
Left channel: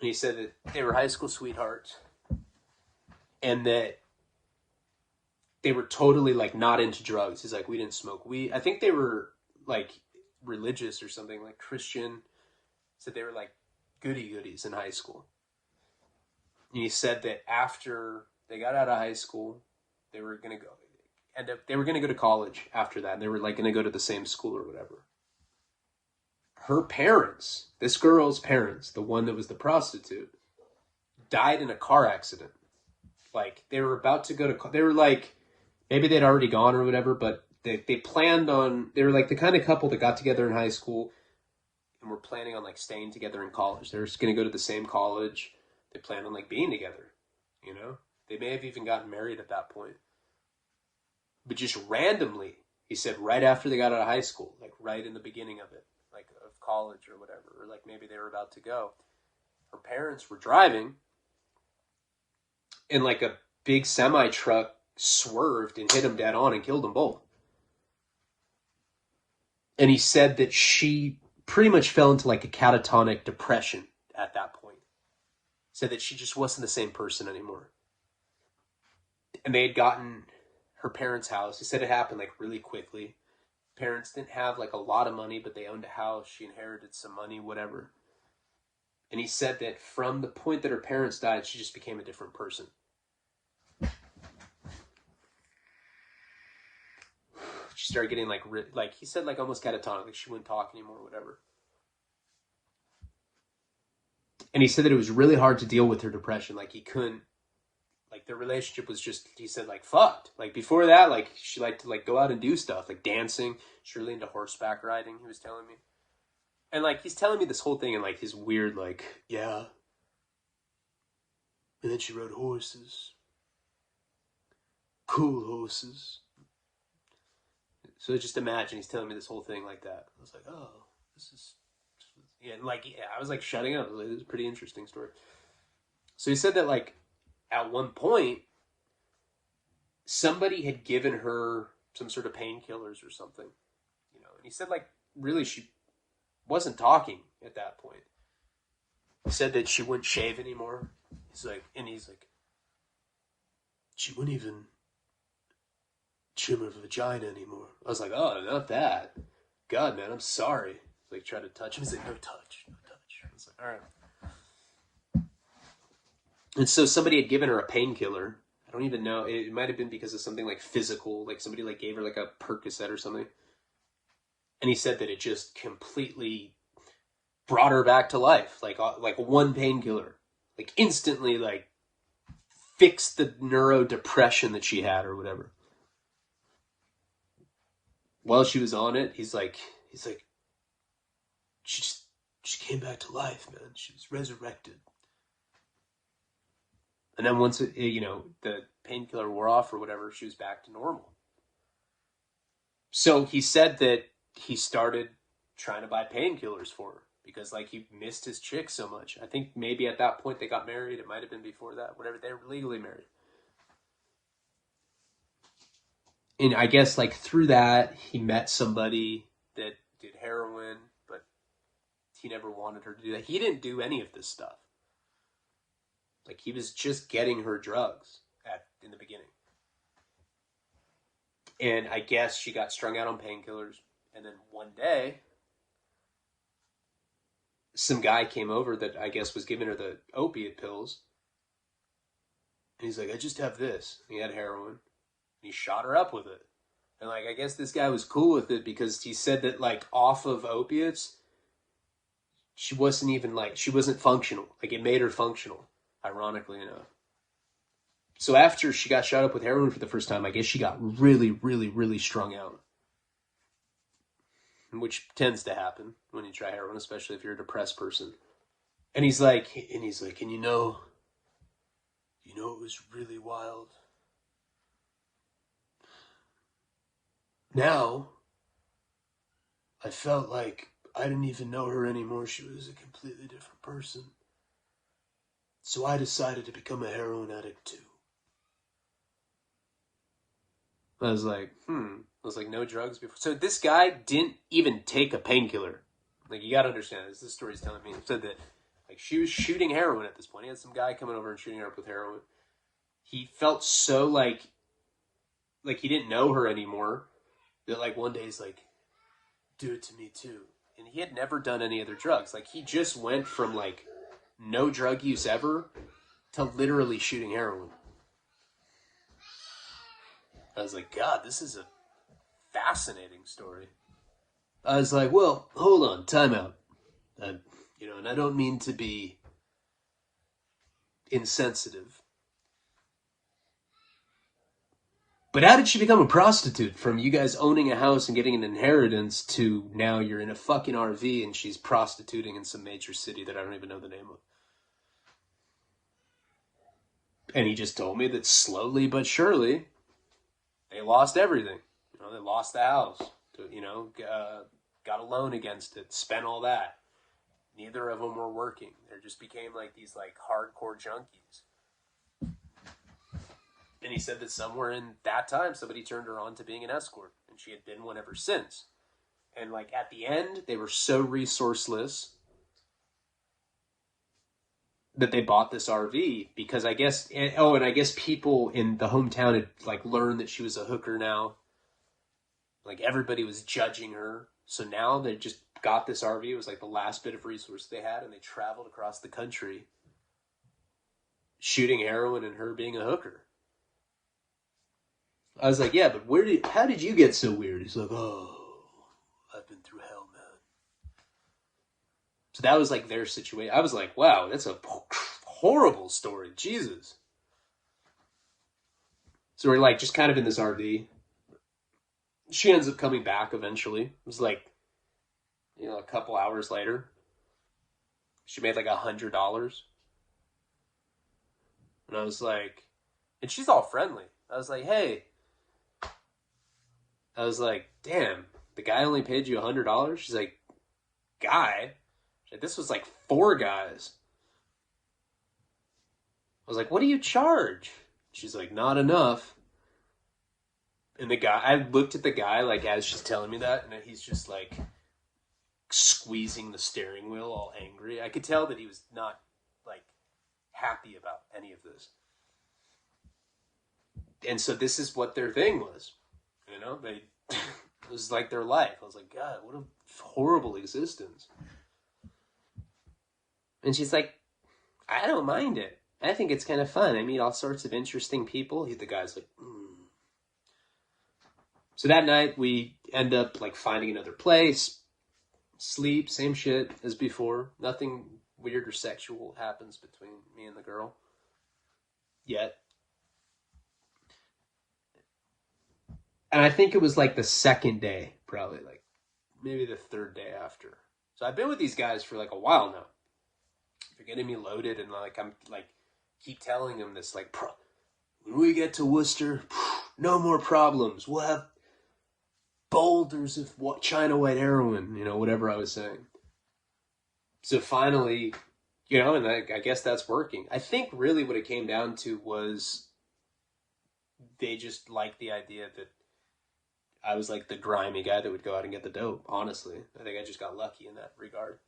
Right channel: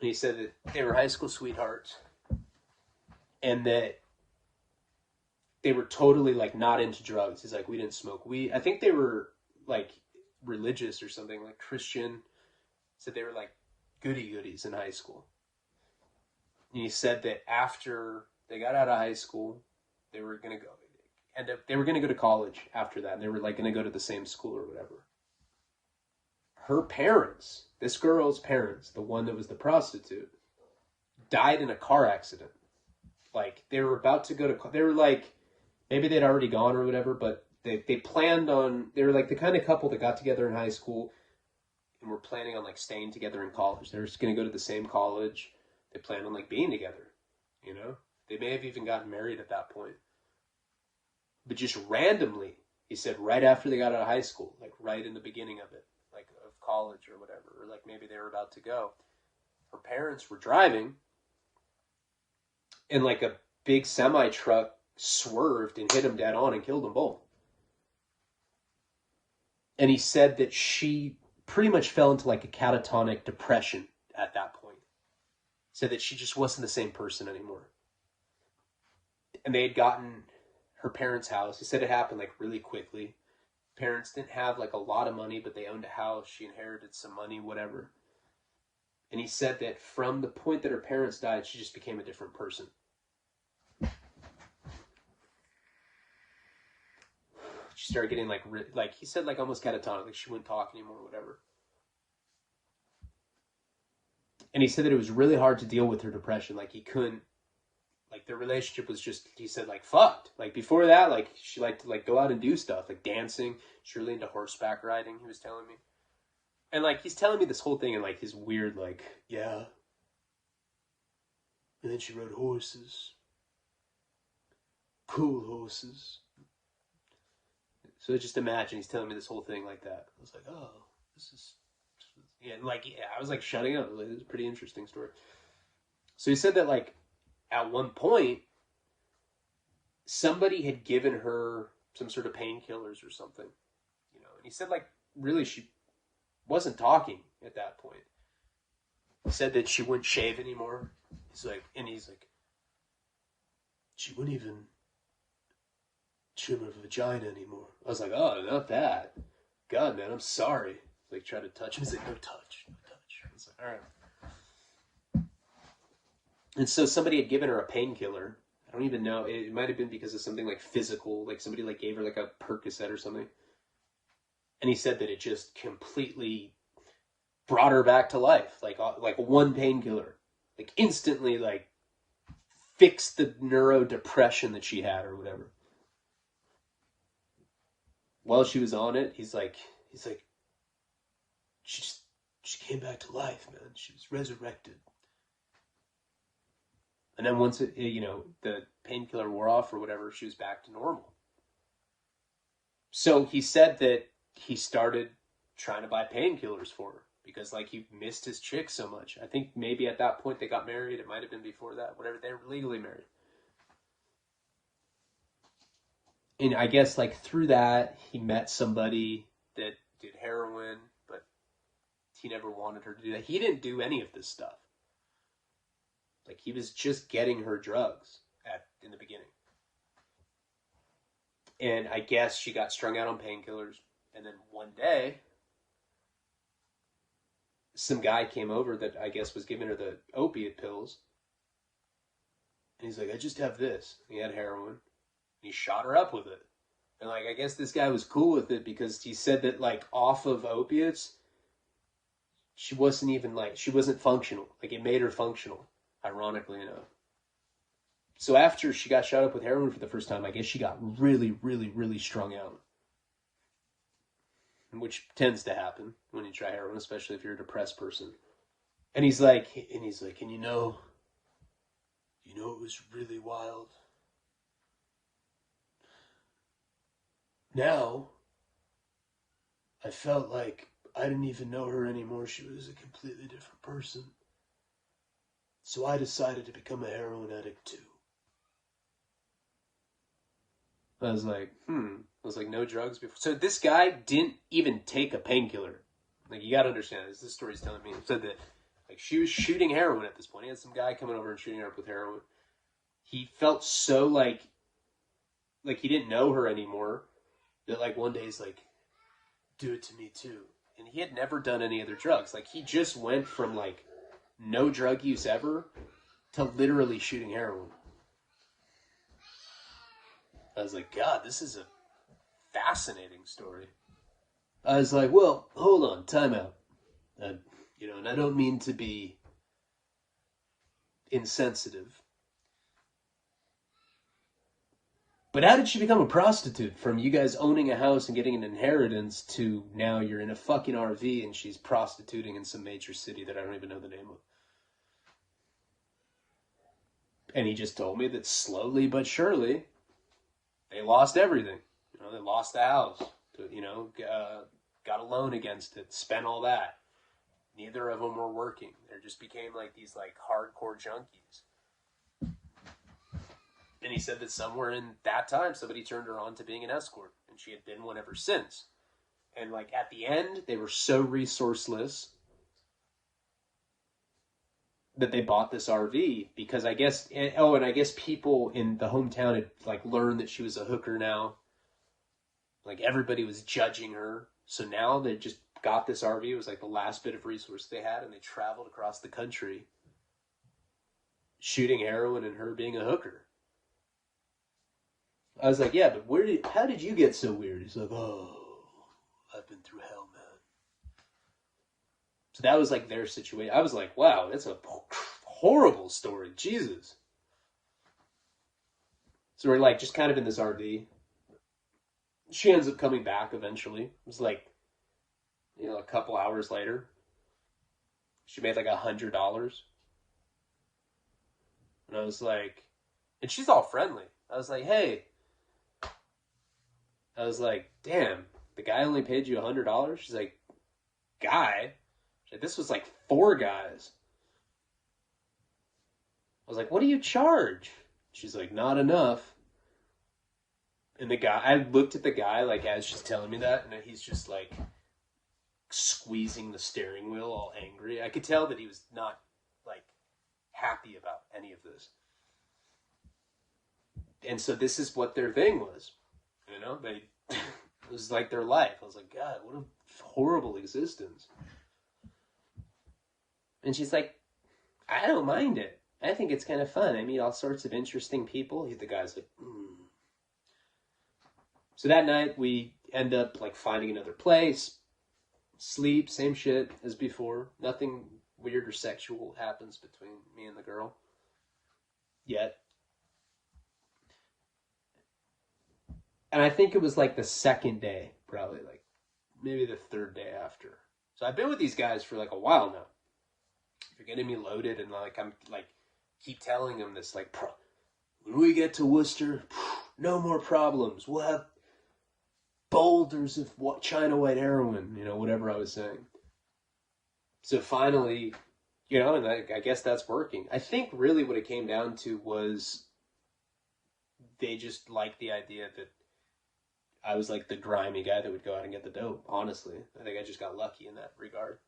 And he said that they were high school sweethearts and that they were totally like not into drugs. He's like, we didn't smoke weed. I think they were like religious or something, like Christian. Said they were like goodies in high school. And he said that after they got out of high school, they were gonna go to college after that. And they were like gonna go to the same school or whatever. Her parents, this girl's parents, the one that was the prostitute, died in a car accident. Like they were about to go to, they were like, maybe they'd already gone or whatever, but they planned on, they were like the kind of couple that got together in high school and were planning on like staying together in college. They were just going to go to the same college. They planned on like being together, you know? They may have even gotten married at that point. But just randomly, he said right after they got out of high school, like right in the beginning of it, like of college or whatever, or like maybe they were about to go, her parents were driving and like a big semi truck swerved and hit them dead on and killed them both. And he said that she pretty much fell into like a catatonic depression at that point. Said that she just wasn't the same person anymore. And they had gotten her parents' house. He said it happened like really quickly. Parents didn't have like a lot of money, but they owned a house. She inherited some money, whatever. And he said that from the point that her parents died, she just became a different person. She started getting like he said, like almost catatonic, like she wouldn't talk anymore or whatever. And he said that it was really hard to deal with her depression. Like he couldn't, like their relationship was just, he said like fucked. Like before that, like she liked to like go out and do stuff, like dancing. She's really into horseback riding, he was telling me. And like, he's telling me this whole thing in like his weird, like, yeah. And then she rode horses. Cool horses. So just imagine he's telling me this whole thing like that. I was like, oh, this is, yeah, like, yeah, I was like shutting up. Like, this is a pretty interesting story. So he said that like at one point, somebody had given her some sort of painkillers or something, you know, and he said like, really, she wasn't talking at that point. He said that she wouldn't shave anymore. He's like, she wouldn't even trim her vagina anymore. I was like, oh, not that. God, man, I'm sorry. Like, try to touch him. He's like, no touch. I was like, all right. And so somebody had given her a painkiller. I don't even know. It might have been because of something like physical, like somebody like gave her like a Percocet or something. And he said that it just completely brought her back to life, like one painkiller, like instantly, like fixed the neurodepression that she had or whatever. While she was on it, he's like, she just she came back to life, man. She was resurrected. And then once the painkiller wore off or whatever, she was back to normal. So he said that he started trying to buy painkillers for her because like he missed his chick so much. I think maybe at that point they got married. It might have been before that, whatever. They were legally married. And I guess like through that, he met somebody that did heroin, but he never wanted her to do that. He didn't do any of this stuff. Like he was just getting her drugs in the beginning. And I guess she got strung out on painkillers. And then one day, some guy came over that I guess was giving her the opiate pills. And he's like, I just have this. And he had heroin. And he shot her up with it. And like, I guess this guy was cool with it because he said that like off of opiates, she wasn't functional. Like it made her functional, ironically enough. So after she got shot up with heroin for the first time, I guess she got really, really, really strung out. Which tends to happen when you try heroin, especially if you're a depressed person. And he's like, and you know it was really wild. Now, I felt like I didn't even know her anymore. She was a completely different person. So I decided to become a heroin addict too. I was like, I was like, no drugs before. So this guy didn't even take a painkiller. Like, you gotta understand this. This story's telling me. He said that, like, she was shooting heroin at this point. He had some guy coming over and shooting her up with heroin. He felt so, like he didn't know her anymore. That, like, one day he's like, do it to me, too. And he had never done any other drugs. Like, he just went from, like, no drug use ever to literally shooting heroin. I was like, God, this is a fascinating story. I was like, well, hold on, time out. And I don't mean to be insensitive. But how did she become a prostitute from you guys owning a house and getting an inheritance to now you're in a fucking RV and she's prostituting in some major city that I don't even know the name of? And he just told me that slowly but surely, they lost everything. They lost the house. Got a loan against it, spent all that. Neither of them were working. They just became like these like hardcore junkies. And he said that somewhere in that time, somebody turned her on to being an escort, and she had been one ever since. And like at the end, they were so resourceless that they bought this RV because I guess, and I guess people in the hometown had like learned that she was a hooker now. Like everybody was judging her. So now they just got this RV. It was like the last bit of resource they had, and they traveled across the country shooting heroin and her being a hooker. I was like, yeah, but how did you get so weird? He's like, oh, I've been through hell, man. So that was like their situation. I was like, wow, that's a horrible story. Jesus. So we're like just kind of in this RV. She ends up coming back eventually. It was like, a couple hours later. She made like $100. And I was like, and she's all friendly. I was like, hey. I was like, damn, the guy only paid you $100? She's like, guy? She's like, this was like 4 guys. I was like, what do you charge? She's like, not enough. And I looked at the guy, like, as she's telling me that, and he's just, like, squeezing the steering wheel all angry. I could tell that he was not, like, happy about any of this. And so this is what their thing was. It was like their life. I was like, God, what a horrible existence. And she's like, I don't mind it. I think it's kind of fun. I meet all sorts of interesting people. The guy's like, So that night we end up like finding another place, sleep, same shit as before. Nothing weird or sexual happens between me and the girl yet. And I think it was like the second day, probably like maybe the third day after. So I've been with these guys for like a while now. They're getting me loaded, and like I'm like keep telling them this like, when we get to Worcester, no more problems. We'll have boulders of China white heroin, whatever I was saying. So finally, and I guess that's working. I think really what it came down to was they just liked the idea that I was like the grimy guy that would go out and get the dope, honestly. I think I just got lucky in that regard.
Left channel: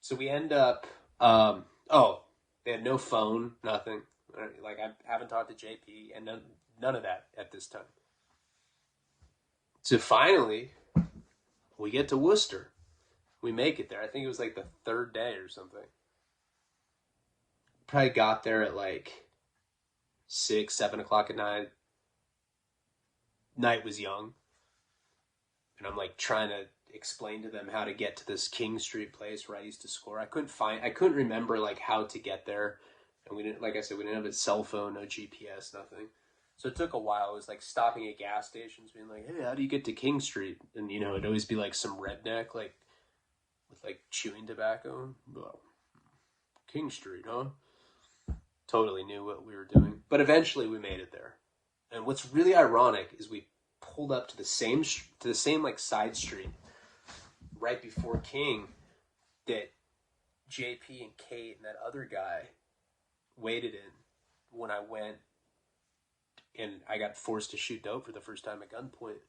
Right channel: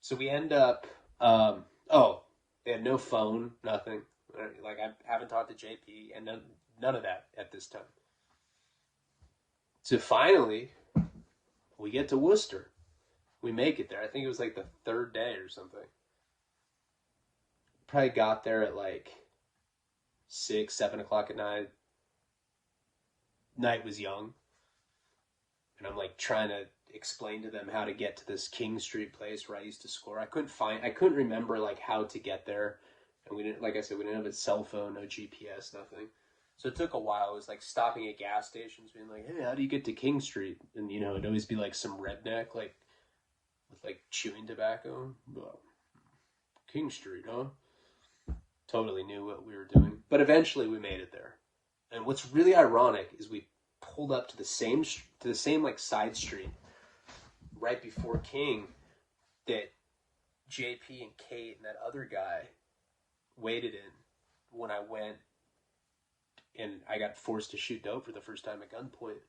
So we end up, they had no phone, nothing. Like, I haven't talked to JP, and none of that at this time. So finally, we get to Worcester. We make it there. I think it was like the third day or something. Probably got there at like 6, 7 o'clock at night. Night was young. And I'm like trying to explain to them how to get to this King Street place where I used to score. I couldn't remember like how to get there. And we didn't, like I said, we didn't have a cell phone, no GPS, nothing. So it took a while. It was like stopping at gas stations, being like, hey, how do you get to King Street? And, it'd always be like some redneck, like, with like chewing tobacco. King Street, huh? Totally knew what we were doing. But eventually we made it there. And what's really ironic is we pulled up to the same like side street right before King that JP and Kate and that other guy waited in when I went and I got forced to shoot dope for the first time at gunpoint.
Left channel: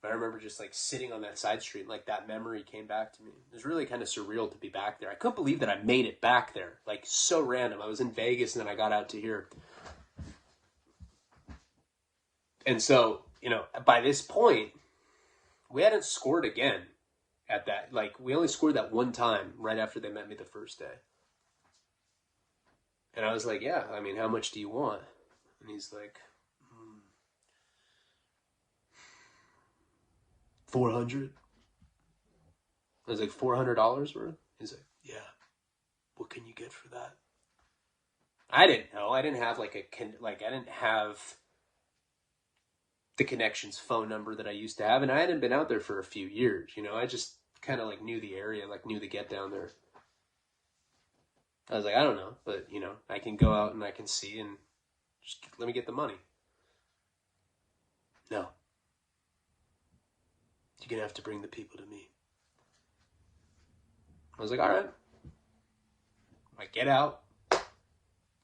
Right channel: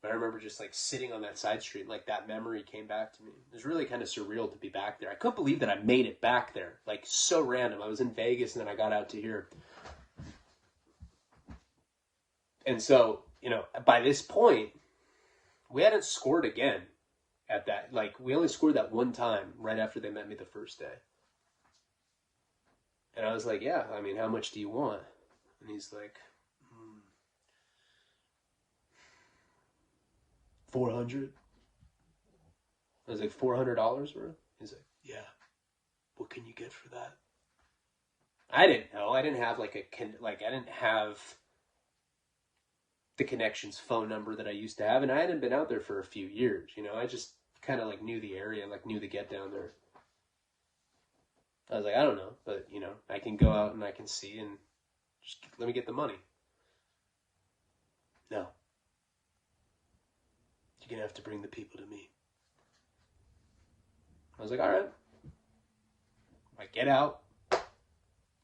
But I remember just like sitting on that side street, like that memory came back to me. It was really kind of surreal to be back there. I couldn't believe that I made it back there. Like, so random. I was in Vegas and then I got out to here. And so, by this point, we hadn't scored again at that. Like, we only scored that one time right after they met me the first day. And I was like, yeah, I mean, how much do you want? And he's like, 400. I was like, $400 worth? He's like, yeah. What can you get for that? I didn't know. I didn't have I didn't have the connection's phone number that I used to have, and I hadn't been out there for a few years. I just kind of like knew the area, like knew to get down there. I was like, I don't know, but I can go out and I can see, and just let me get the money. No. You're going to have to bring the people to me. I was like, all right. I get out,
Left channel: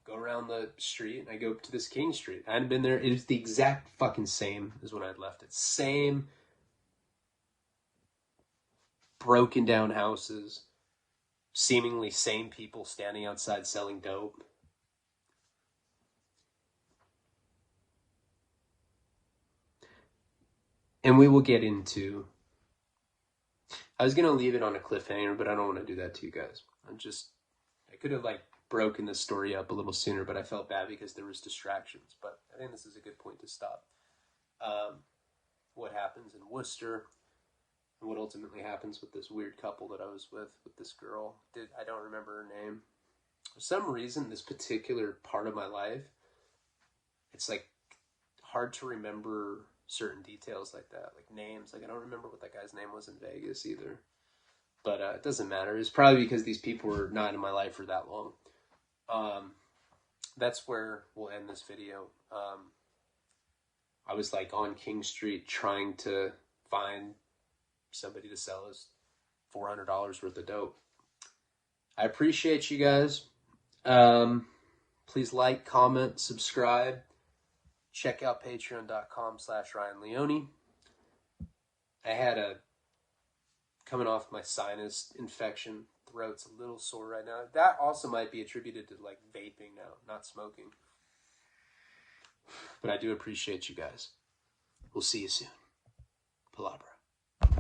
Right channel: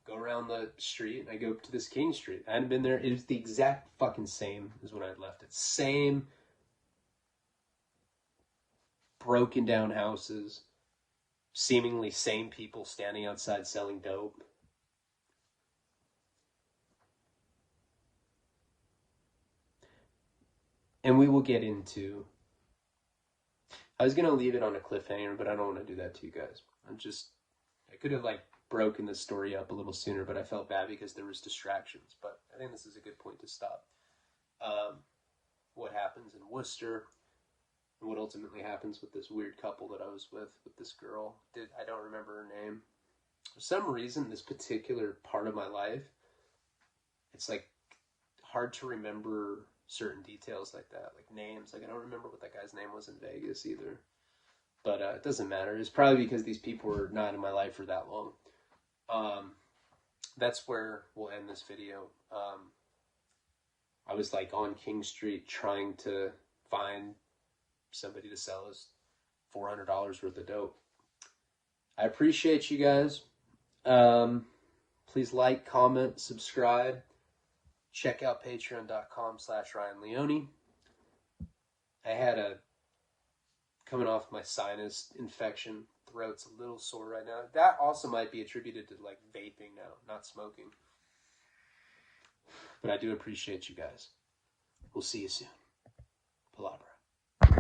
go around the street, and I go to this King Street. I hadn't been there. It was the exact fucking same as when I'd left it. Same broken down houses, seemingly same people standing outside selling dope. And we will get into... I was going to leave it on a cliffhanger, but I don't want to do that to you guys. I could have broken the story up a little sooner, but I felt bad because there was distractions. But I think this is a good point to stop. What happens in Worcester, and what ultimately happens with this weird couple that I was with this girl. I don't remember her name. For some reason, this particular part of my life, it's hard to remember certain details like that, like names. I don't remember what that guy's name was in Vegas either. But it doesn't matter. It's probably because these people were not in my life for that long. That's where we'll end this video. I was on King Street trying to find somebody to sell us $400 worth of dope. I appreciate you guys. Please like, comment, subscribe. Check out patreon.com/RyanLeone. I had coming off my sinus infection. Throat's a little sore right now. That also might be attributed to vaping now, not smoking. But I do appreciate you guys. We'll see you soon. Palabra.